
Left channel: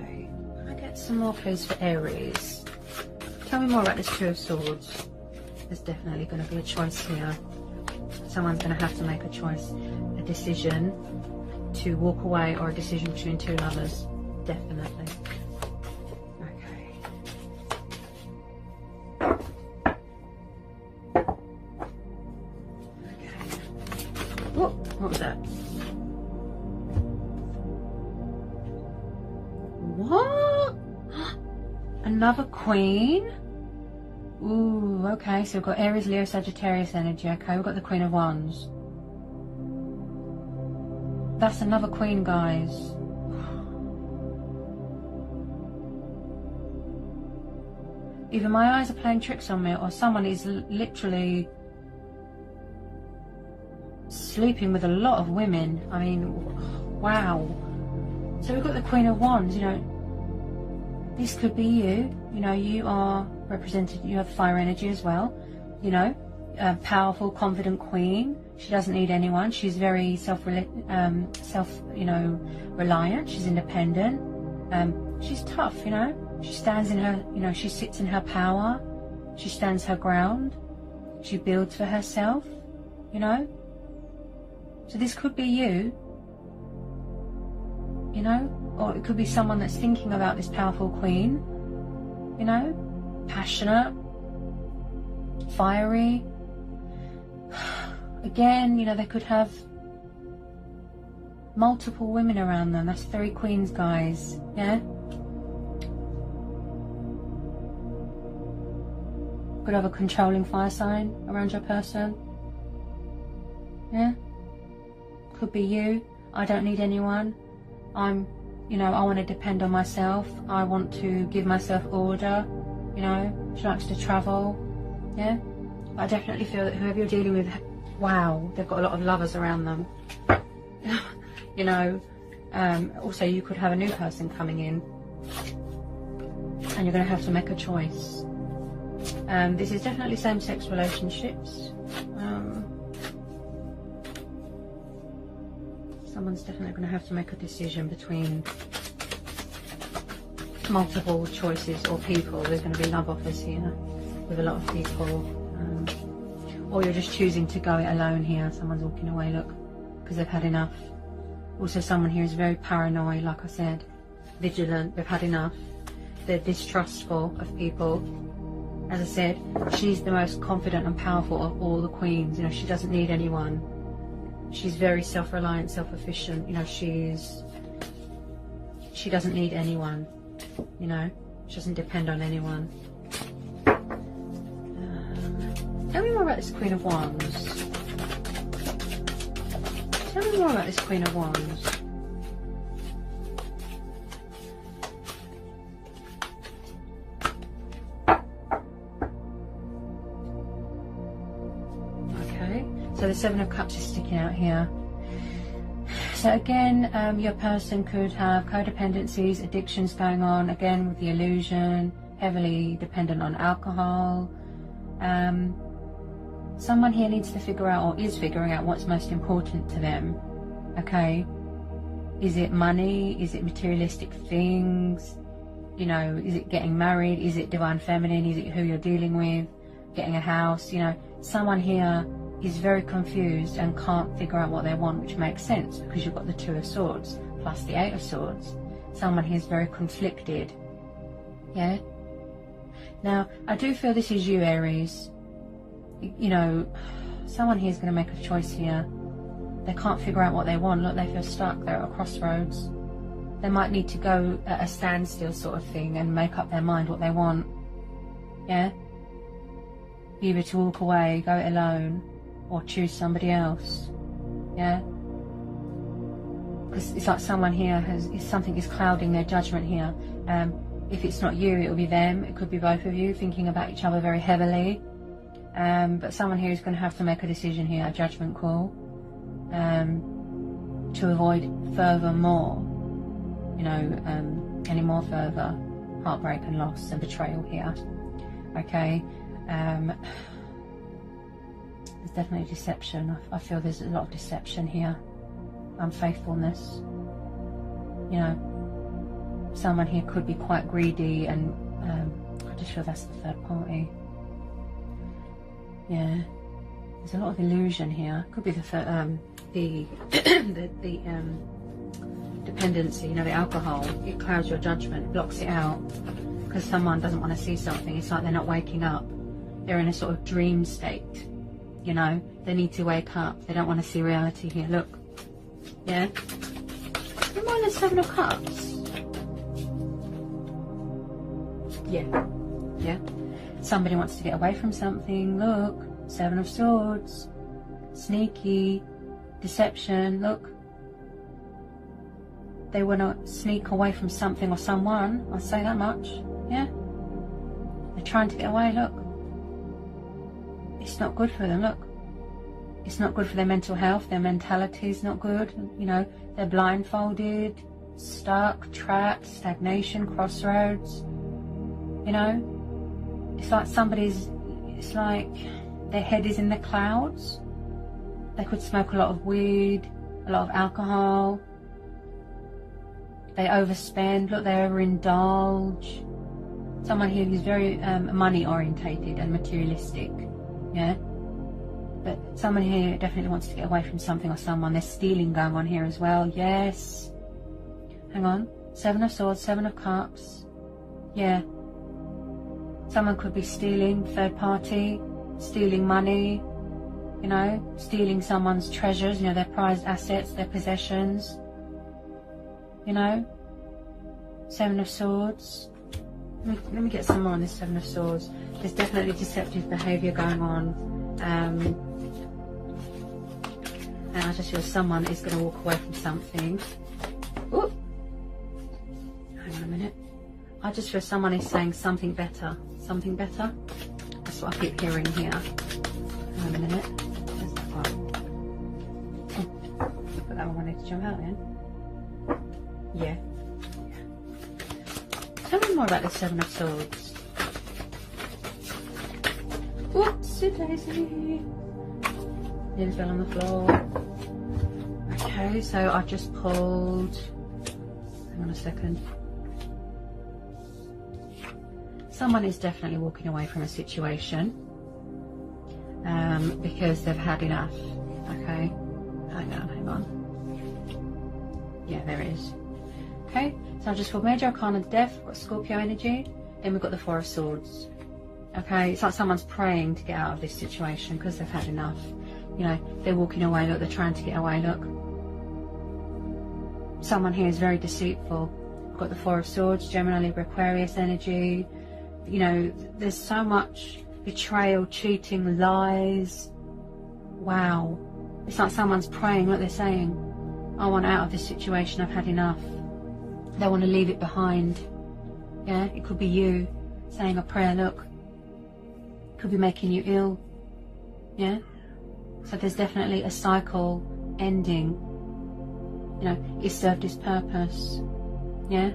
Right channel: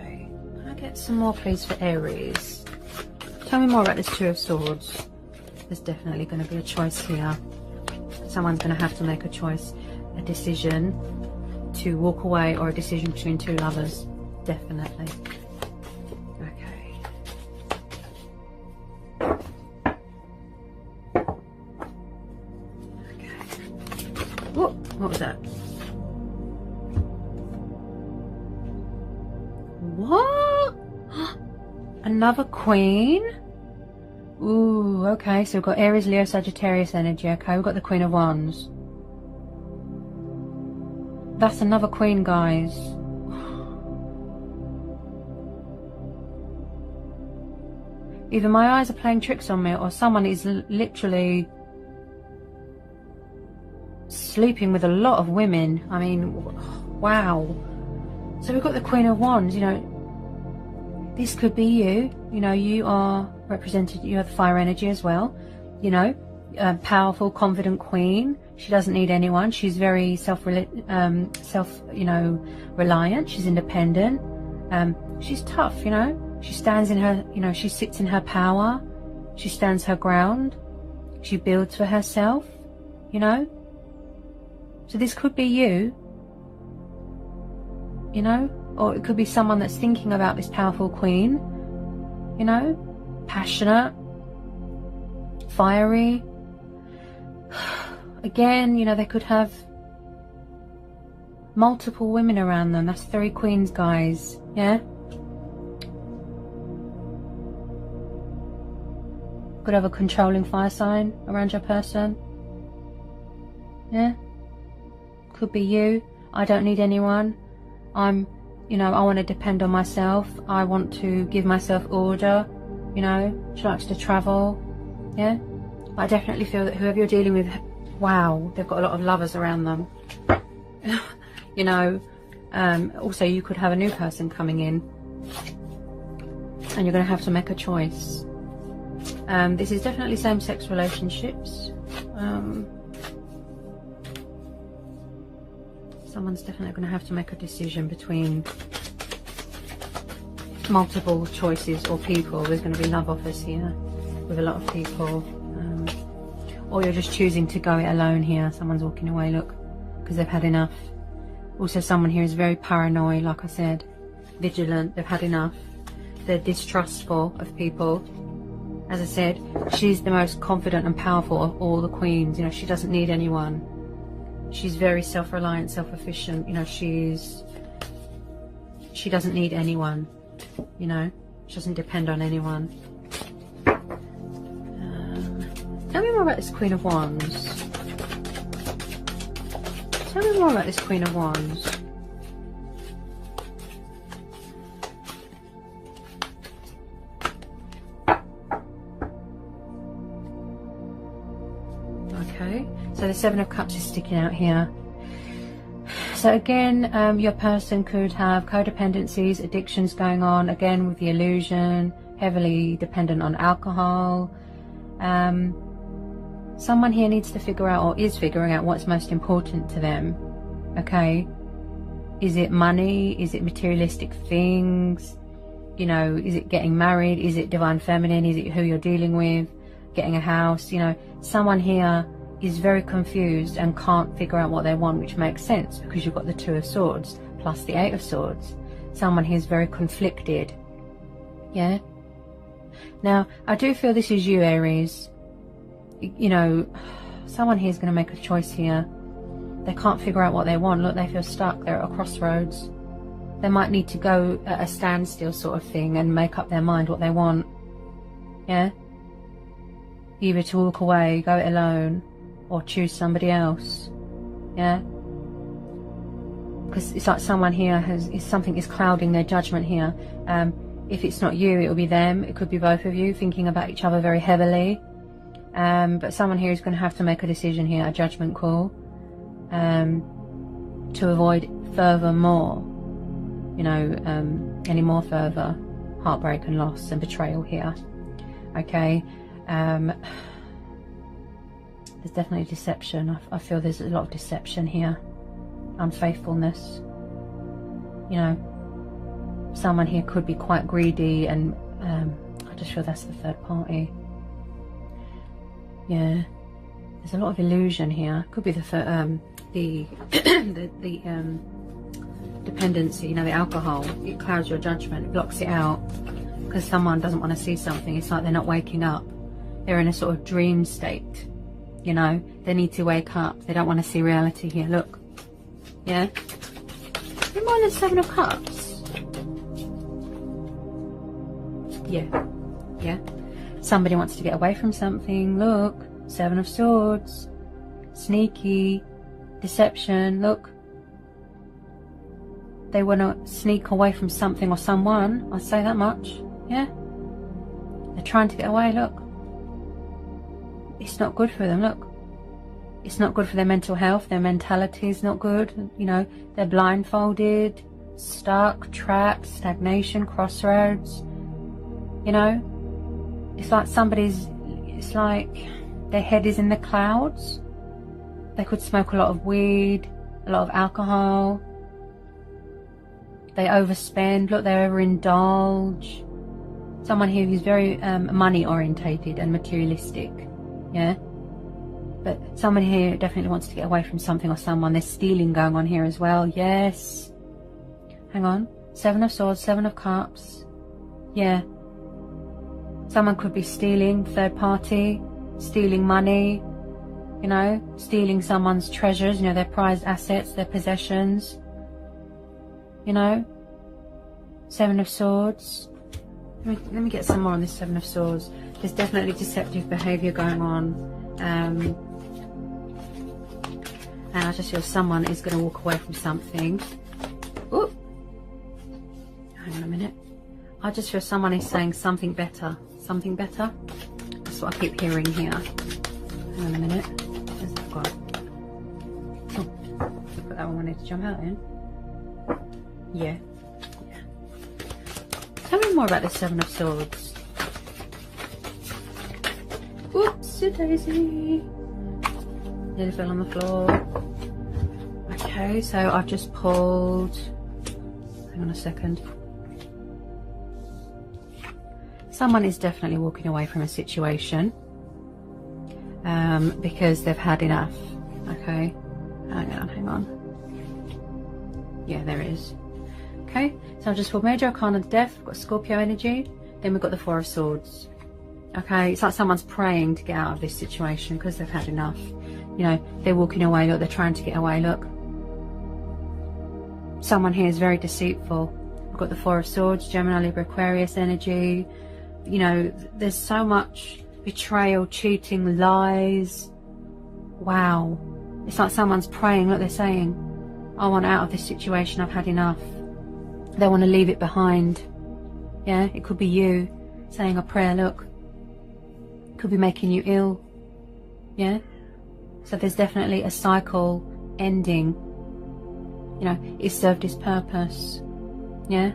some more, please, for Aries. Tell me more about this Two of Swords. There's definitely going to be a choice here. Someone's going to have to make a choice, a decision to walk away, or a decision between two lovers. Definitely. Okay. Okay. What was that? What? Another Queen? Ooh, okay, so we've got Aries, Leo, Sagittarius energy. Okay, we've got the Queen of Wands. That's another Queen, guys. Either my eyes are playing tricks on me, or someone is literally sleeping with a lot of women. I mean, wow. So we've got the Queen of Wands, you know. This could be you. You know, you are represented, you have fire energy as well. You know, powerful, confident Queen. She doesn't need anyone. She's very reliant. She's independent. She's tough, you know. She stands in her, you know, she sits in her power. She stands her ground. She builds for herself, you know. So this could be you, you know. Or it could be someone that's thinking about this powerful Queen, you know, passionate, fiery. Again, you know, they could have multiple women around them. That's 3 Queens, guys. Yeah. Could have a controlling fire sign around your person. Yeah. Could be you. I don't need anyone. You know, I want to depend on myself. I want to give myself order. You know, she likes to travel. Yeah. I definitely feel that whoever you're dealing with, wow, they've got a lot of lovers around them. You know, also you could have a new person coming in, and you're going to have to make a choice. This is definitely same-sex relationships. Someone's definitely going to have to make a decision between multiple choices or people. There's going to be love offers here with a lot of people. Or you're just choosing to go it alone here. Someone's walking away, look, because they've had enough. Also, someone here is very paranoid, like I said, vigilant. They've had enough. They're distrustful of people. As I said, she's the most confident and powerful of all the queens. You know, she doesn't need anyone. She's very self-reliant, self-efficient. You know, she doesn't need anyone. You know, she doesn't depend on anyone. Tell me more about this Queen of Wands. Tell me more about this Queen of Wands. Okay, so the Seven of Cups is sticking out here. So again, your person could have codependencies, addictions going on, again with the illusion, heavily dependent on alcohol. Someone here needs to figure out, or is figuring out, what's most important to them. Okay, is it money? Is it materialistic things? You know, is it getting married? Is it divine feminine? Is it who you're dealing with? Getting a house? You know, someone here is very confused and can't figure out what they want, which makes sense because you've got the Two of Swords plus the Eight of Swords. Someone here is very conflicted. Yeah. Now, I do feel this is you, Aries. You know, someone here is going to make a choice here. They can't figure out what they want. Look, they feel stuck. They're at a crossroads. They might need to go at a standstill sort of thing and make up their mind what they want. Yeah. Either to walk away, go it alone, or choose somebody else. Yeah. Because it's like someone here something is clouding their judgment here. If it's not you, it will be them. It could be both of you thinking about each other very heavily. But someone here is going to have to make a decision here, a judgment call, to avoid furthermore, you know, any more further heartbreak and loss and betrayal here. Okay. There's definitely deception. I feel there's a lot of deception here. Unfaithfulness. You know, someone here could be quite greedy, and I just feel that's the third party. Yeah, there's a lot of illusion here. Could be the dependency, you know, the alcohol. It clouds your judgment, it blocks it out, because someone doesn't want to see something. It's like they're not waking up. They're in a sort of dream state, you know. They need to wake up. They don't want to see reality here. Look, yeah. Remember the Seven of Cups? Yeah, yeah. Somebody wants to get away from something. Look, Seven of Swords. Sneaky, deception. Look, they want to sneak away from something or someone. I'll say that much. Yeah, they're trying to get away. Look, it's not good for them. Look, it's not good for their mental health. Their mentality is not good. You know, they're blindfolded, stuck, trapped, stagnation, crossroads. You know, it's like it's like their head is in the clouds. They could smoke a lot of weed, a lot of alcohol. They overspend. Look, they overindulge. Someone here who's very money orientated and materialistic. Yeah. But someone here definitely wants to get away from something or someone. There's stealing going on here as well. Yes. Hang on. Seven of Swords, Seven of Cups. Yeah. Someone could be stealing, third party, stealing money, you know, stealing someone's treasures, you know, their prized assets, their possessions, you know. Seven of Swords. Let me get some more on this Seven of Swords. There's definitely deceptive behaviour going on. And I just feel someone is going to walk away from something. Ooh. Hang on a minute. I just feel someone is saying something better. Something better? That's what I keep hearing here. Hang on a minute. Where's that gone? Put that one I wanted to jump out in. Yeah. Tell me more about the Seven of Swords. Whoopsie daisy. Nearly fell on the floor. Okay, so I've just pulled. Hang on a second. Someone is definitely walking away from a situation because they've had enough. Okay, hang on. Yeah, there it is. Okay, so I've just pulled Major Arcana of Death. We've got Scorpio energy. Then we've got the Four of Swords. Okay, it's like someone's praying to get out of this situation because they've had enough. You know, they're walking away. Look, they're trying to get away. Look, someone here is very deceitful. We've got the Four of Swords, Gemini, Libra, Aquarius energy. You know, there's so much betrayal, cheating, lies. Wow. It's like someone's praying. Look, they're saying, I want out of this situation. I've had enough. They want to leave it behind. Yeah, it could be you saying a prayer. Look, it could be making you ill. Yeah. So there's definitely a cycle ending. You know, it served its purpose. Yeah.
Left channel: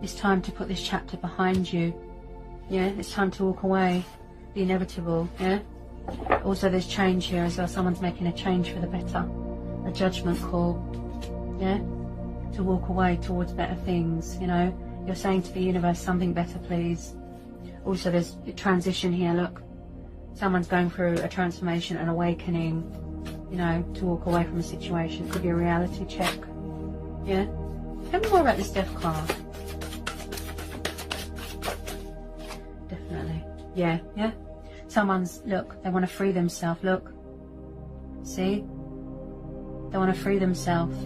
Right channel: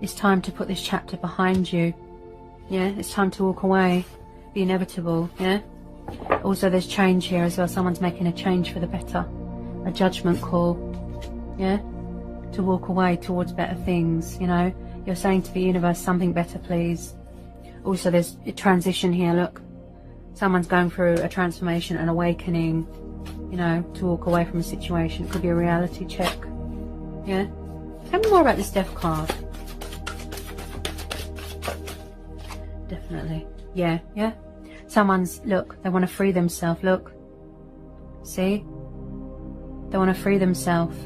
It's time to put this chapter behind you. Yeah, it's time to walk away. The inevitable, yeah? Also, there's change here as well. Someone's making a change for the better. A judgment call, yeah? To walk away towards better things, you know? You're saying to the universe, something better, please. Also, there's a transition here, look. Someone's going through a transformation, an awakening, you know, to walk away from a situation. It could be a reality check, yeah? Tell me more about this Death card. Definitely. Yeah, yeah. Someone's, look, they want to free themselves, look. See? They want to free themselves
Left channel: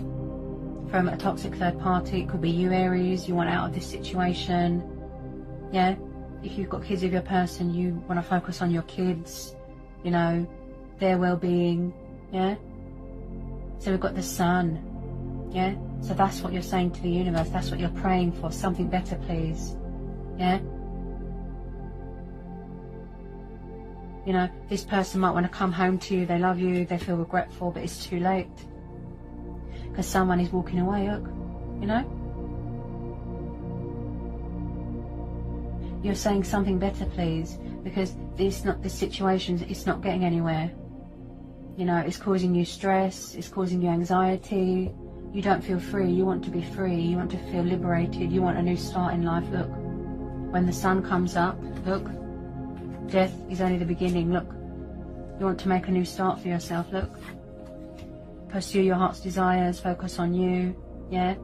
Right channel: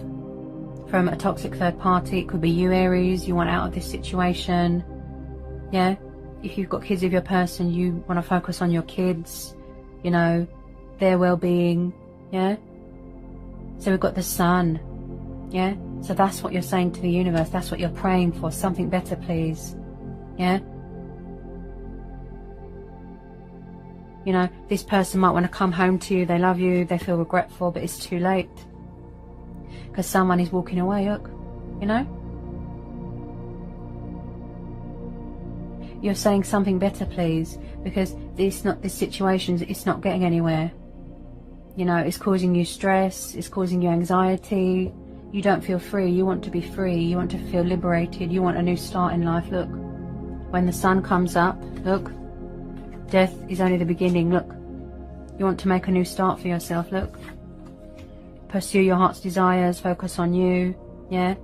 from a toxic third party. It could be you, Aries. You want out of this situation. Yeah? If you've got kids with your person, you want to focus on your kids, you know, their well-being. Yeah? So we've got the Sun. Yeah? So that's what you're saying to the universe. That's what you're praying for. Something better, please. Yeah? You know, this person might want to come home to you. They love you. They feel regretful, but it's too late. Because someone is walking away, look. You know? You're saying something better, please. Because this situation, it's not getting anywhere. You know, it's causing you stress. It's causing you anxiety. you don't feel free. You want to be free. You want to feel liberated. You want a new start in life. Look, when the sun comes up, look, death is only the beginning. Look, you want to make a new start for yourself. Look, pursue your heart's desires. Focus on you. Yeah.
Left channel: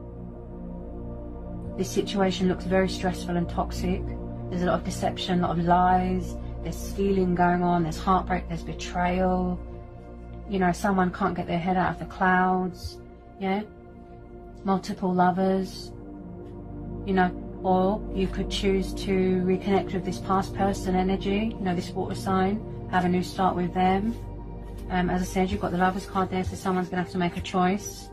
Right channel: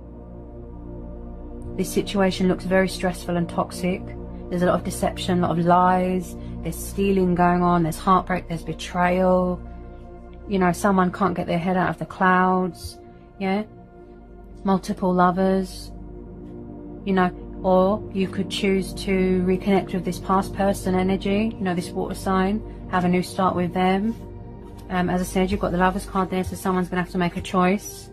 This situation looks very stressful and toxic. There's a lot of deception, a lot of lies. There's stealing going on. There's heartbreak. There's betrayal. You know, someone can't get their head out of the clouds. Yeah. Multiple lovers. You know, or you could choose to reconnect with this past person energy. You know, this water sign. Have a new start with them. As I said, you've got the Lovers card there, so someone's going to have to make a choice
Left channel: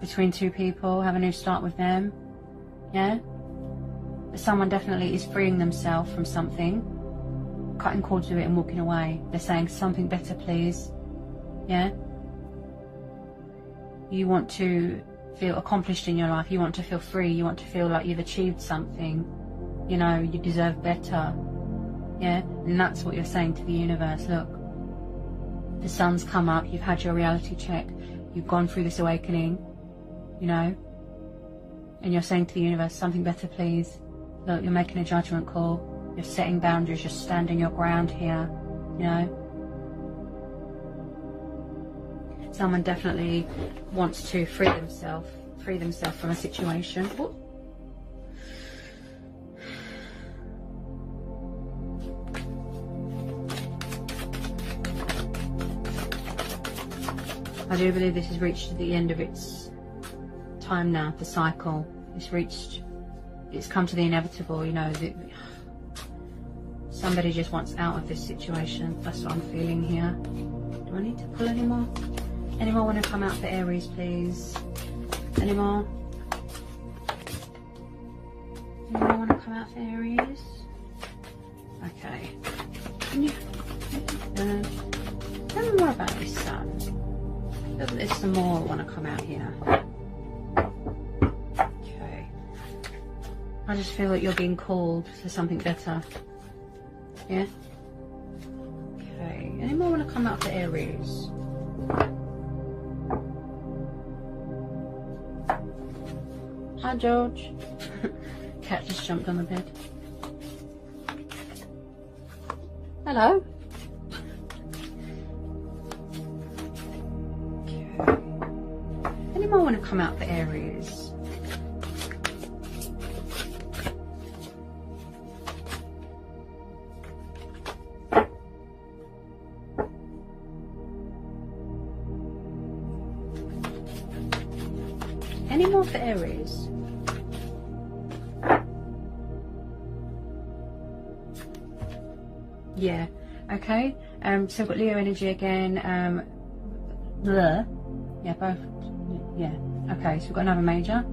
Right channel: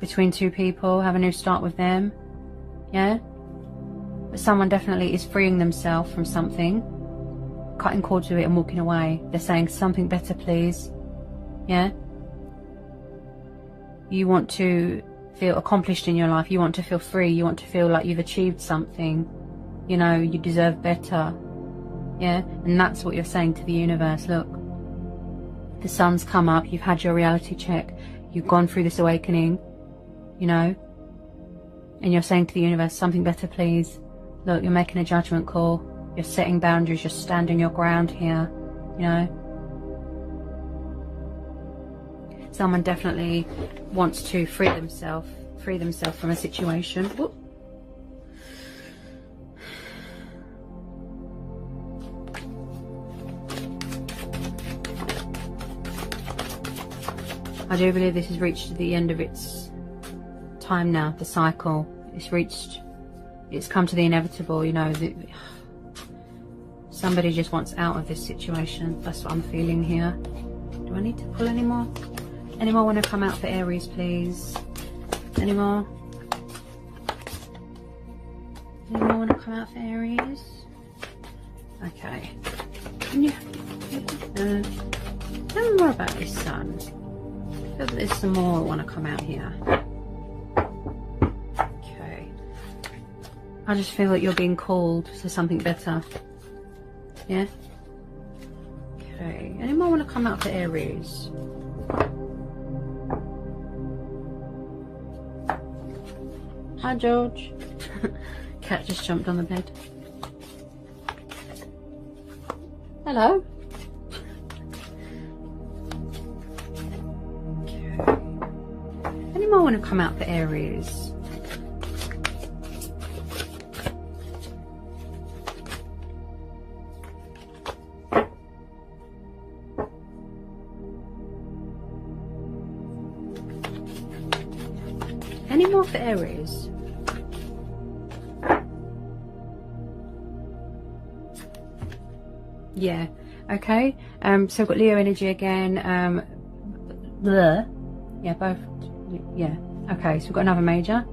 between two people. Have a new start with them. Yeah. But someone definitely is freeing themselves from something, cutting cords with it and walking away. They're saying something better, please. Yeah. You want to feel accomplished in your life. You want to feel free. You want to feel like you've achieved something. You know, you deserve better. Yeah. And that's what you're saying to the universe. Look, the sun's come up. You've had your reality check. You've gone through this awakening. You know. And you're saying to the universe, something better, please. Look, you're making a judgment call. You're setting boundaries. You're standing your ground here. You know. Someone definitely wants to free themselves from a situation. Whoop. I do believe this has reached the end of its time now, the cycle. It's come to the inevitable, you know. Somebody just wants out of this situation. That's what I'm feeling here. Do I need to pull any more? Any more want to come out for Aries, please? Any more? Any more want to come out for Aries? Okay. Can you... tell me more about this sun. I feel that there's some more want to come out here. Okay. I just feel that you're being called to something better. Yeah? Okay. Any more want to come out for Aries? Hi, George. Cat just jumped on the bed. Hello. Okay. Any more want to come out for Aries? Any more for Aries? Yeah. Okay. So we've got Leo energy again. Yeah, both. Yeah. Okay. So we've got another major.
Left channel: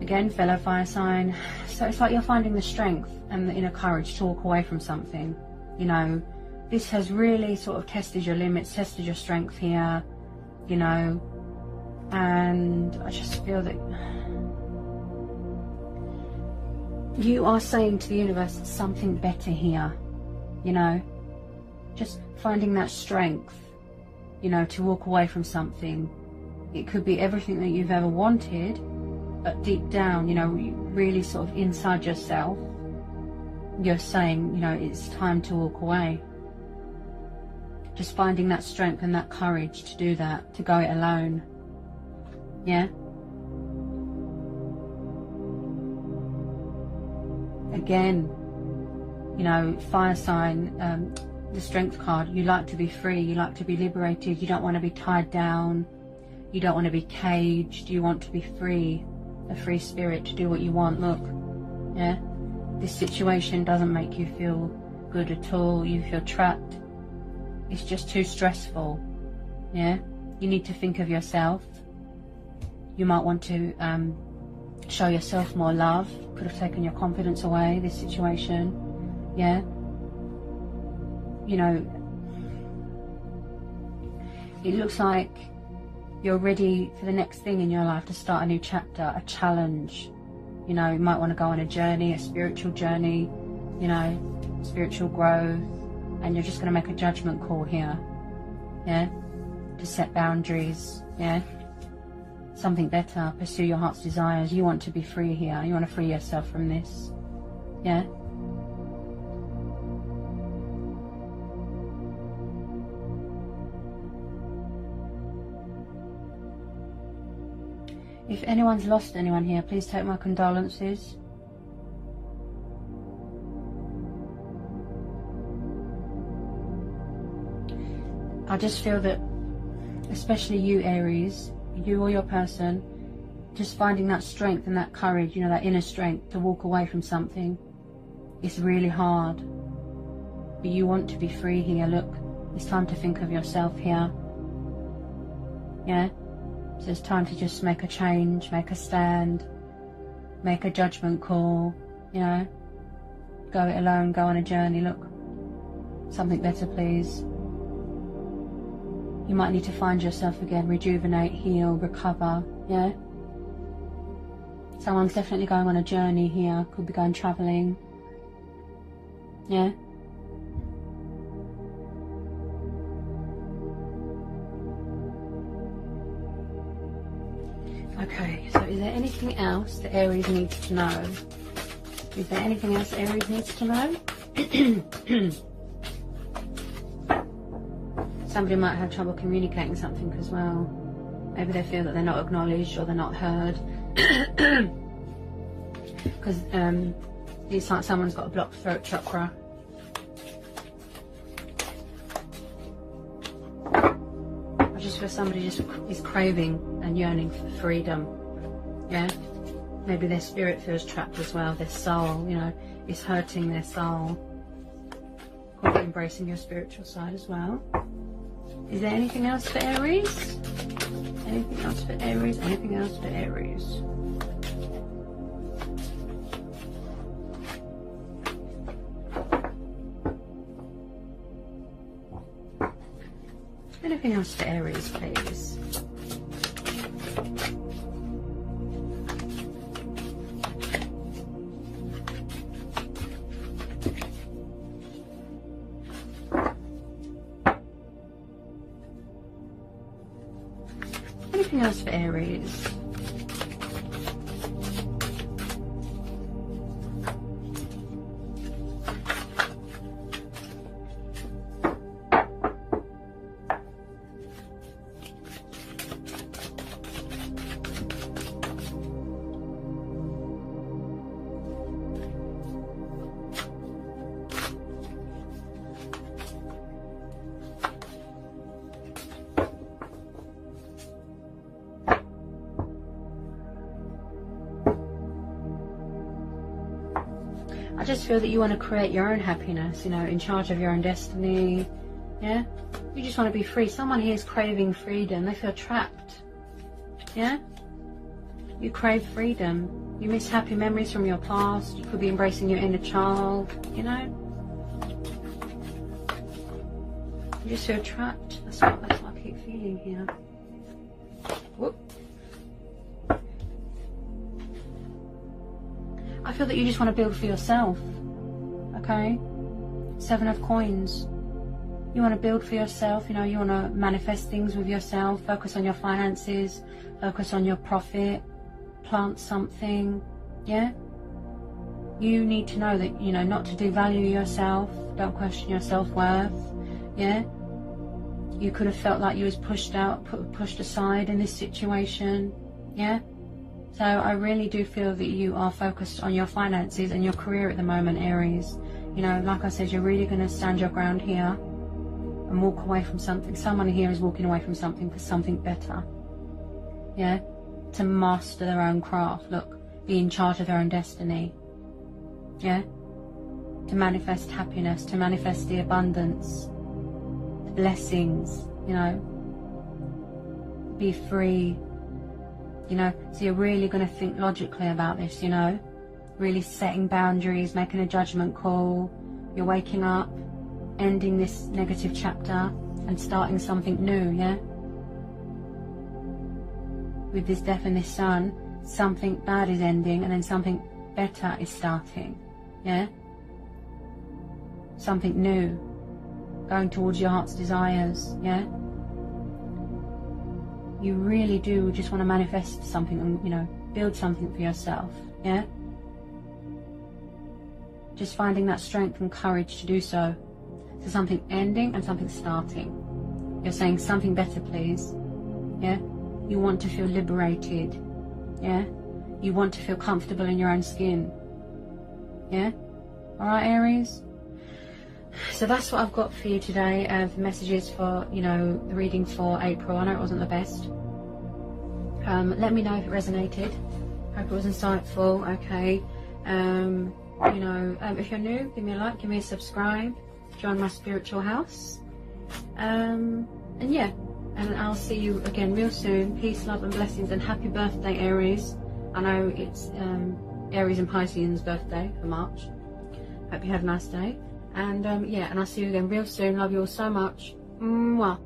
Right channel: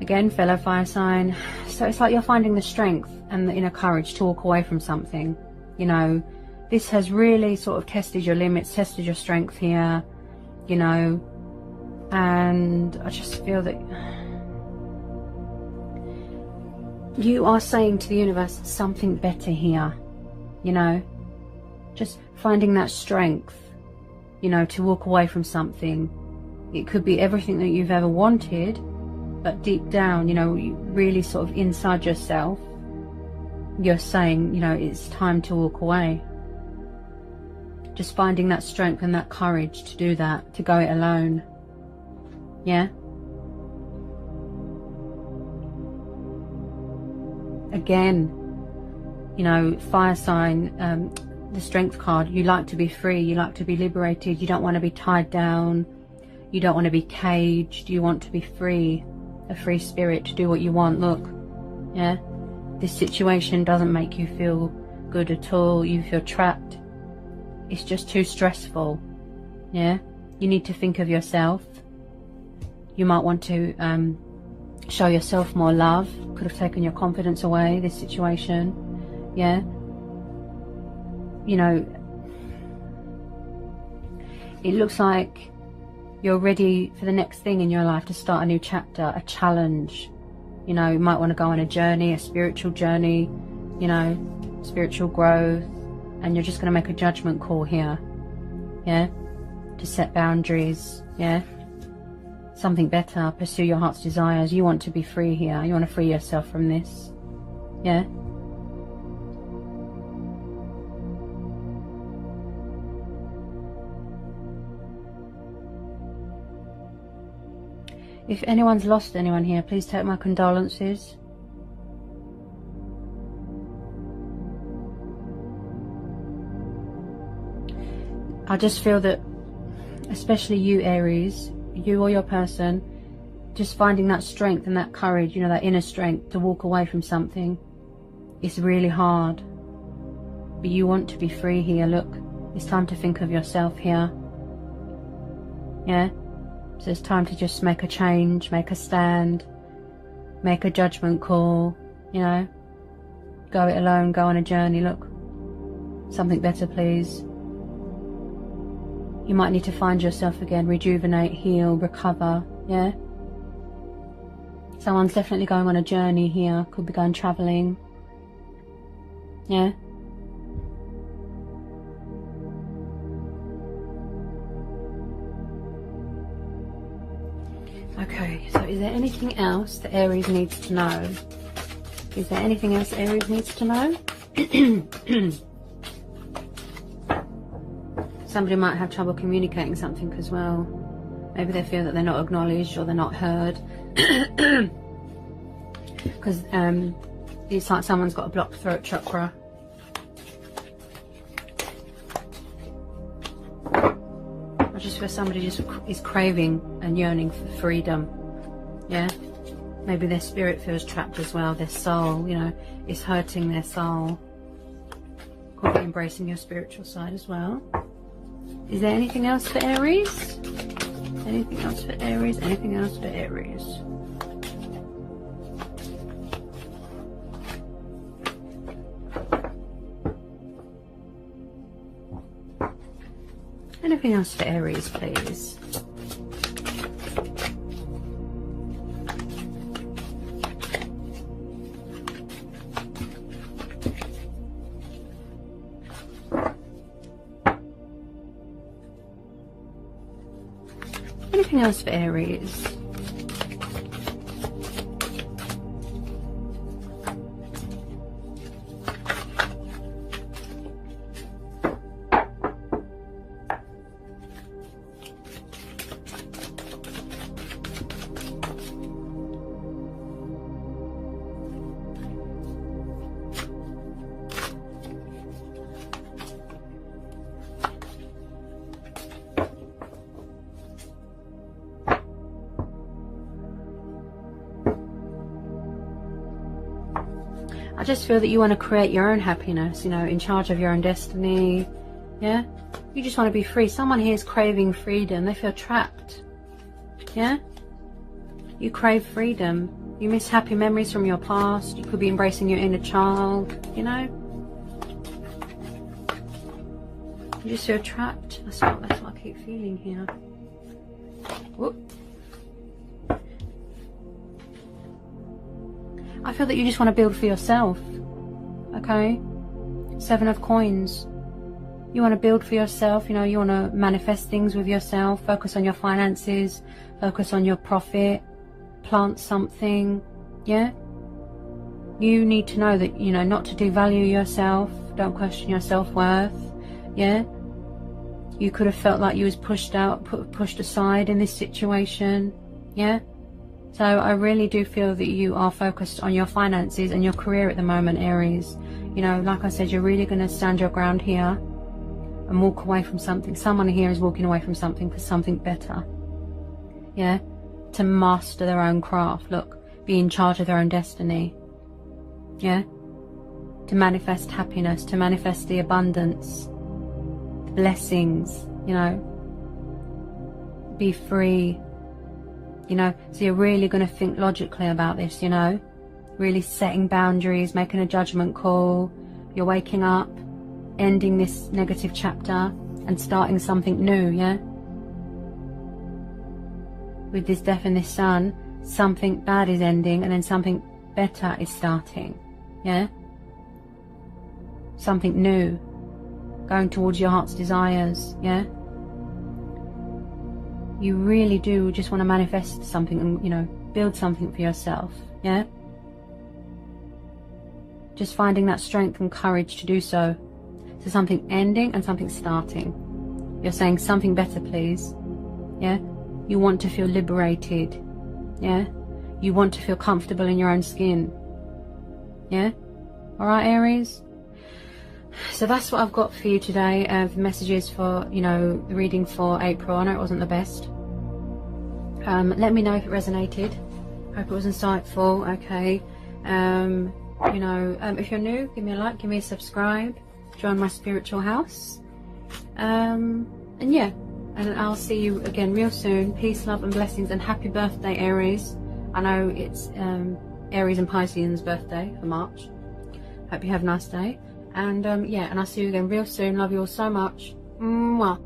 Again, fellow fire sign. So it's like you're finding the strength and the inner courage to walk away from something. You know, this has really sort of tested your limits, tested your strength here. You know. And I just feel that you are saying to the universe something better here, you know, just finding that strength, you know, to walk away from something. It could be everything that you've ever wanted, but deep down, you know, really sort of inside yourself, you're saying, you know, it's time to walk away. Just finding that strength and that courage to do that, to go it alone. Yeah. Again, you know, fire sign, the strength card, you like to be free, you like to be liberated, you don't want to be tied down, you don't want to be caged, you want to be free, a free spirit to do what you want. Look, yeah, this situation doesn't make you feel good at all, you feel trapped, it's just too stressful. Yeah, you need to think of yourself. You might want to show yourself more love. Could have taken your confidence away, this situation. Yeah. You know, it looks like you're ready for the next thing in your life, to start a new chapter, a challenge. You know, you might want to go on a journey, a spiritual journey, you know, spiritual growth. And you're just going to make a judgment call here. Yeah. To set boundaries. Yeah. something better, pursue your heart's desires. You want to be free here. You want to free yourself from this. Yeah. If anyone's lost anyone here, please take my condolences. I just feel that, especially you Aries, you or your person, just finding that strength and that courage, you know, that inner strength to walk away from something, it's really hard. But you want to be free here. Look, it's time to think of yourself here. Yeah? So it's time to just make a change, make a stand, make a judgment call, you know. Go it alone, go on a journey. Look, something better, please. You might need to find yourself again, rejuvenate, heal, recover, yeah. Someone's definitely going on a journey here, could be going travelling, yeah. Okay, so is there anything else that Aries needs to know? Is there anything else Aries needs to know? Somebody might have trouble communicating something as well. Maybe they feel that they're not acknowledged or they're not heard. Because it's like someone's got a blocked throat chakra. I just feel somebody just is craving and yearning for freedom. Yeah? Maybe their spirit feels trapped as well. Their soul, you know, is hurting their soul. Could be embracing your spiritual side as well. Is there anything else for Aries? Anything else for Aries? Anything else for Aries? Anything else for Aries, please? Anything else for Aries? I just feel that you want to create your own happiness, you know, in charge of your own destiny, yeah? You just want to be free. Someone here is craving freedom. They feel trapped, yeah? You crave freedom. You miss happy memories from your past. You could be embracing your inner child, you know? You just feel trapped. That's what I keep feeling here. Whoop. I feel that you just want to build for yourself, okay? 7 of Coins. You want to build for yourself, you know, you want to manifest things with yourself, focus on your finances, focus on your profit, plant something, yeah? You need to know that, you know, not to devalue yourself, don't question your self-worth, yeah? You could have felt like you was pushed out, pushed aside in this situation, yeah? So I really do feel that you are focused on your finances and your career at the moment, Aries. You know, like I said, you're really going to stand your ground here and walk away from something. Someone here is walking away from something for something better. Yeah? To master their own craft. Look, be in charge of their own destiny. Yeah? To manifest happiness, to manifest the abundance, the blessings, you know. Be free. You know, so you're really going to think logically about this, you know, really setting boundaries, making a judgment call. You're waking up, ending this negative chapter and starting something new, yeah? With this Death and this Sun, something bad is ending and then something better is starting, yeah? Something new, going towards your heart's desires, yeah? you really do just want to manifest something and, you know, build something for yourself. Yeah, just finding that strength and courage to do so. So something ending and something starting. You're saying something better, please. Yeah, you want to feel liberated. Yeah, you want to feel comfortable in your own skin. Yeah, all right, Aries. So that's what I've got for you today. The messages for, you know, the reading for April. I know it wasn't the best. Let me know if it resonated. Hope it was insightful. Okay. You know, if you're new, give me a like, give me a subscribe, join my spiritual house. And yeah, and I'll see you again real soon. Peace, love and blessings, and happy birthday, Aries. I know it's Aries and Pisces birthday for March. Hope you have a nice day. And yeah, and I'll see you again real soon. Love you all so much. Mwah.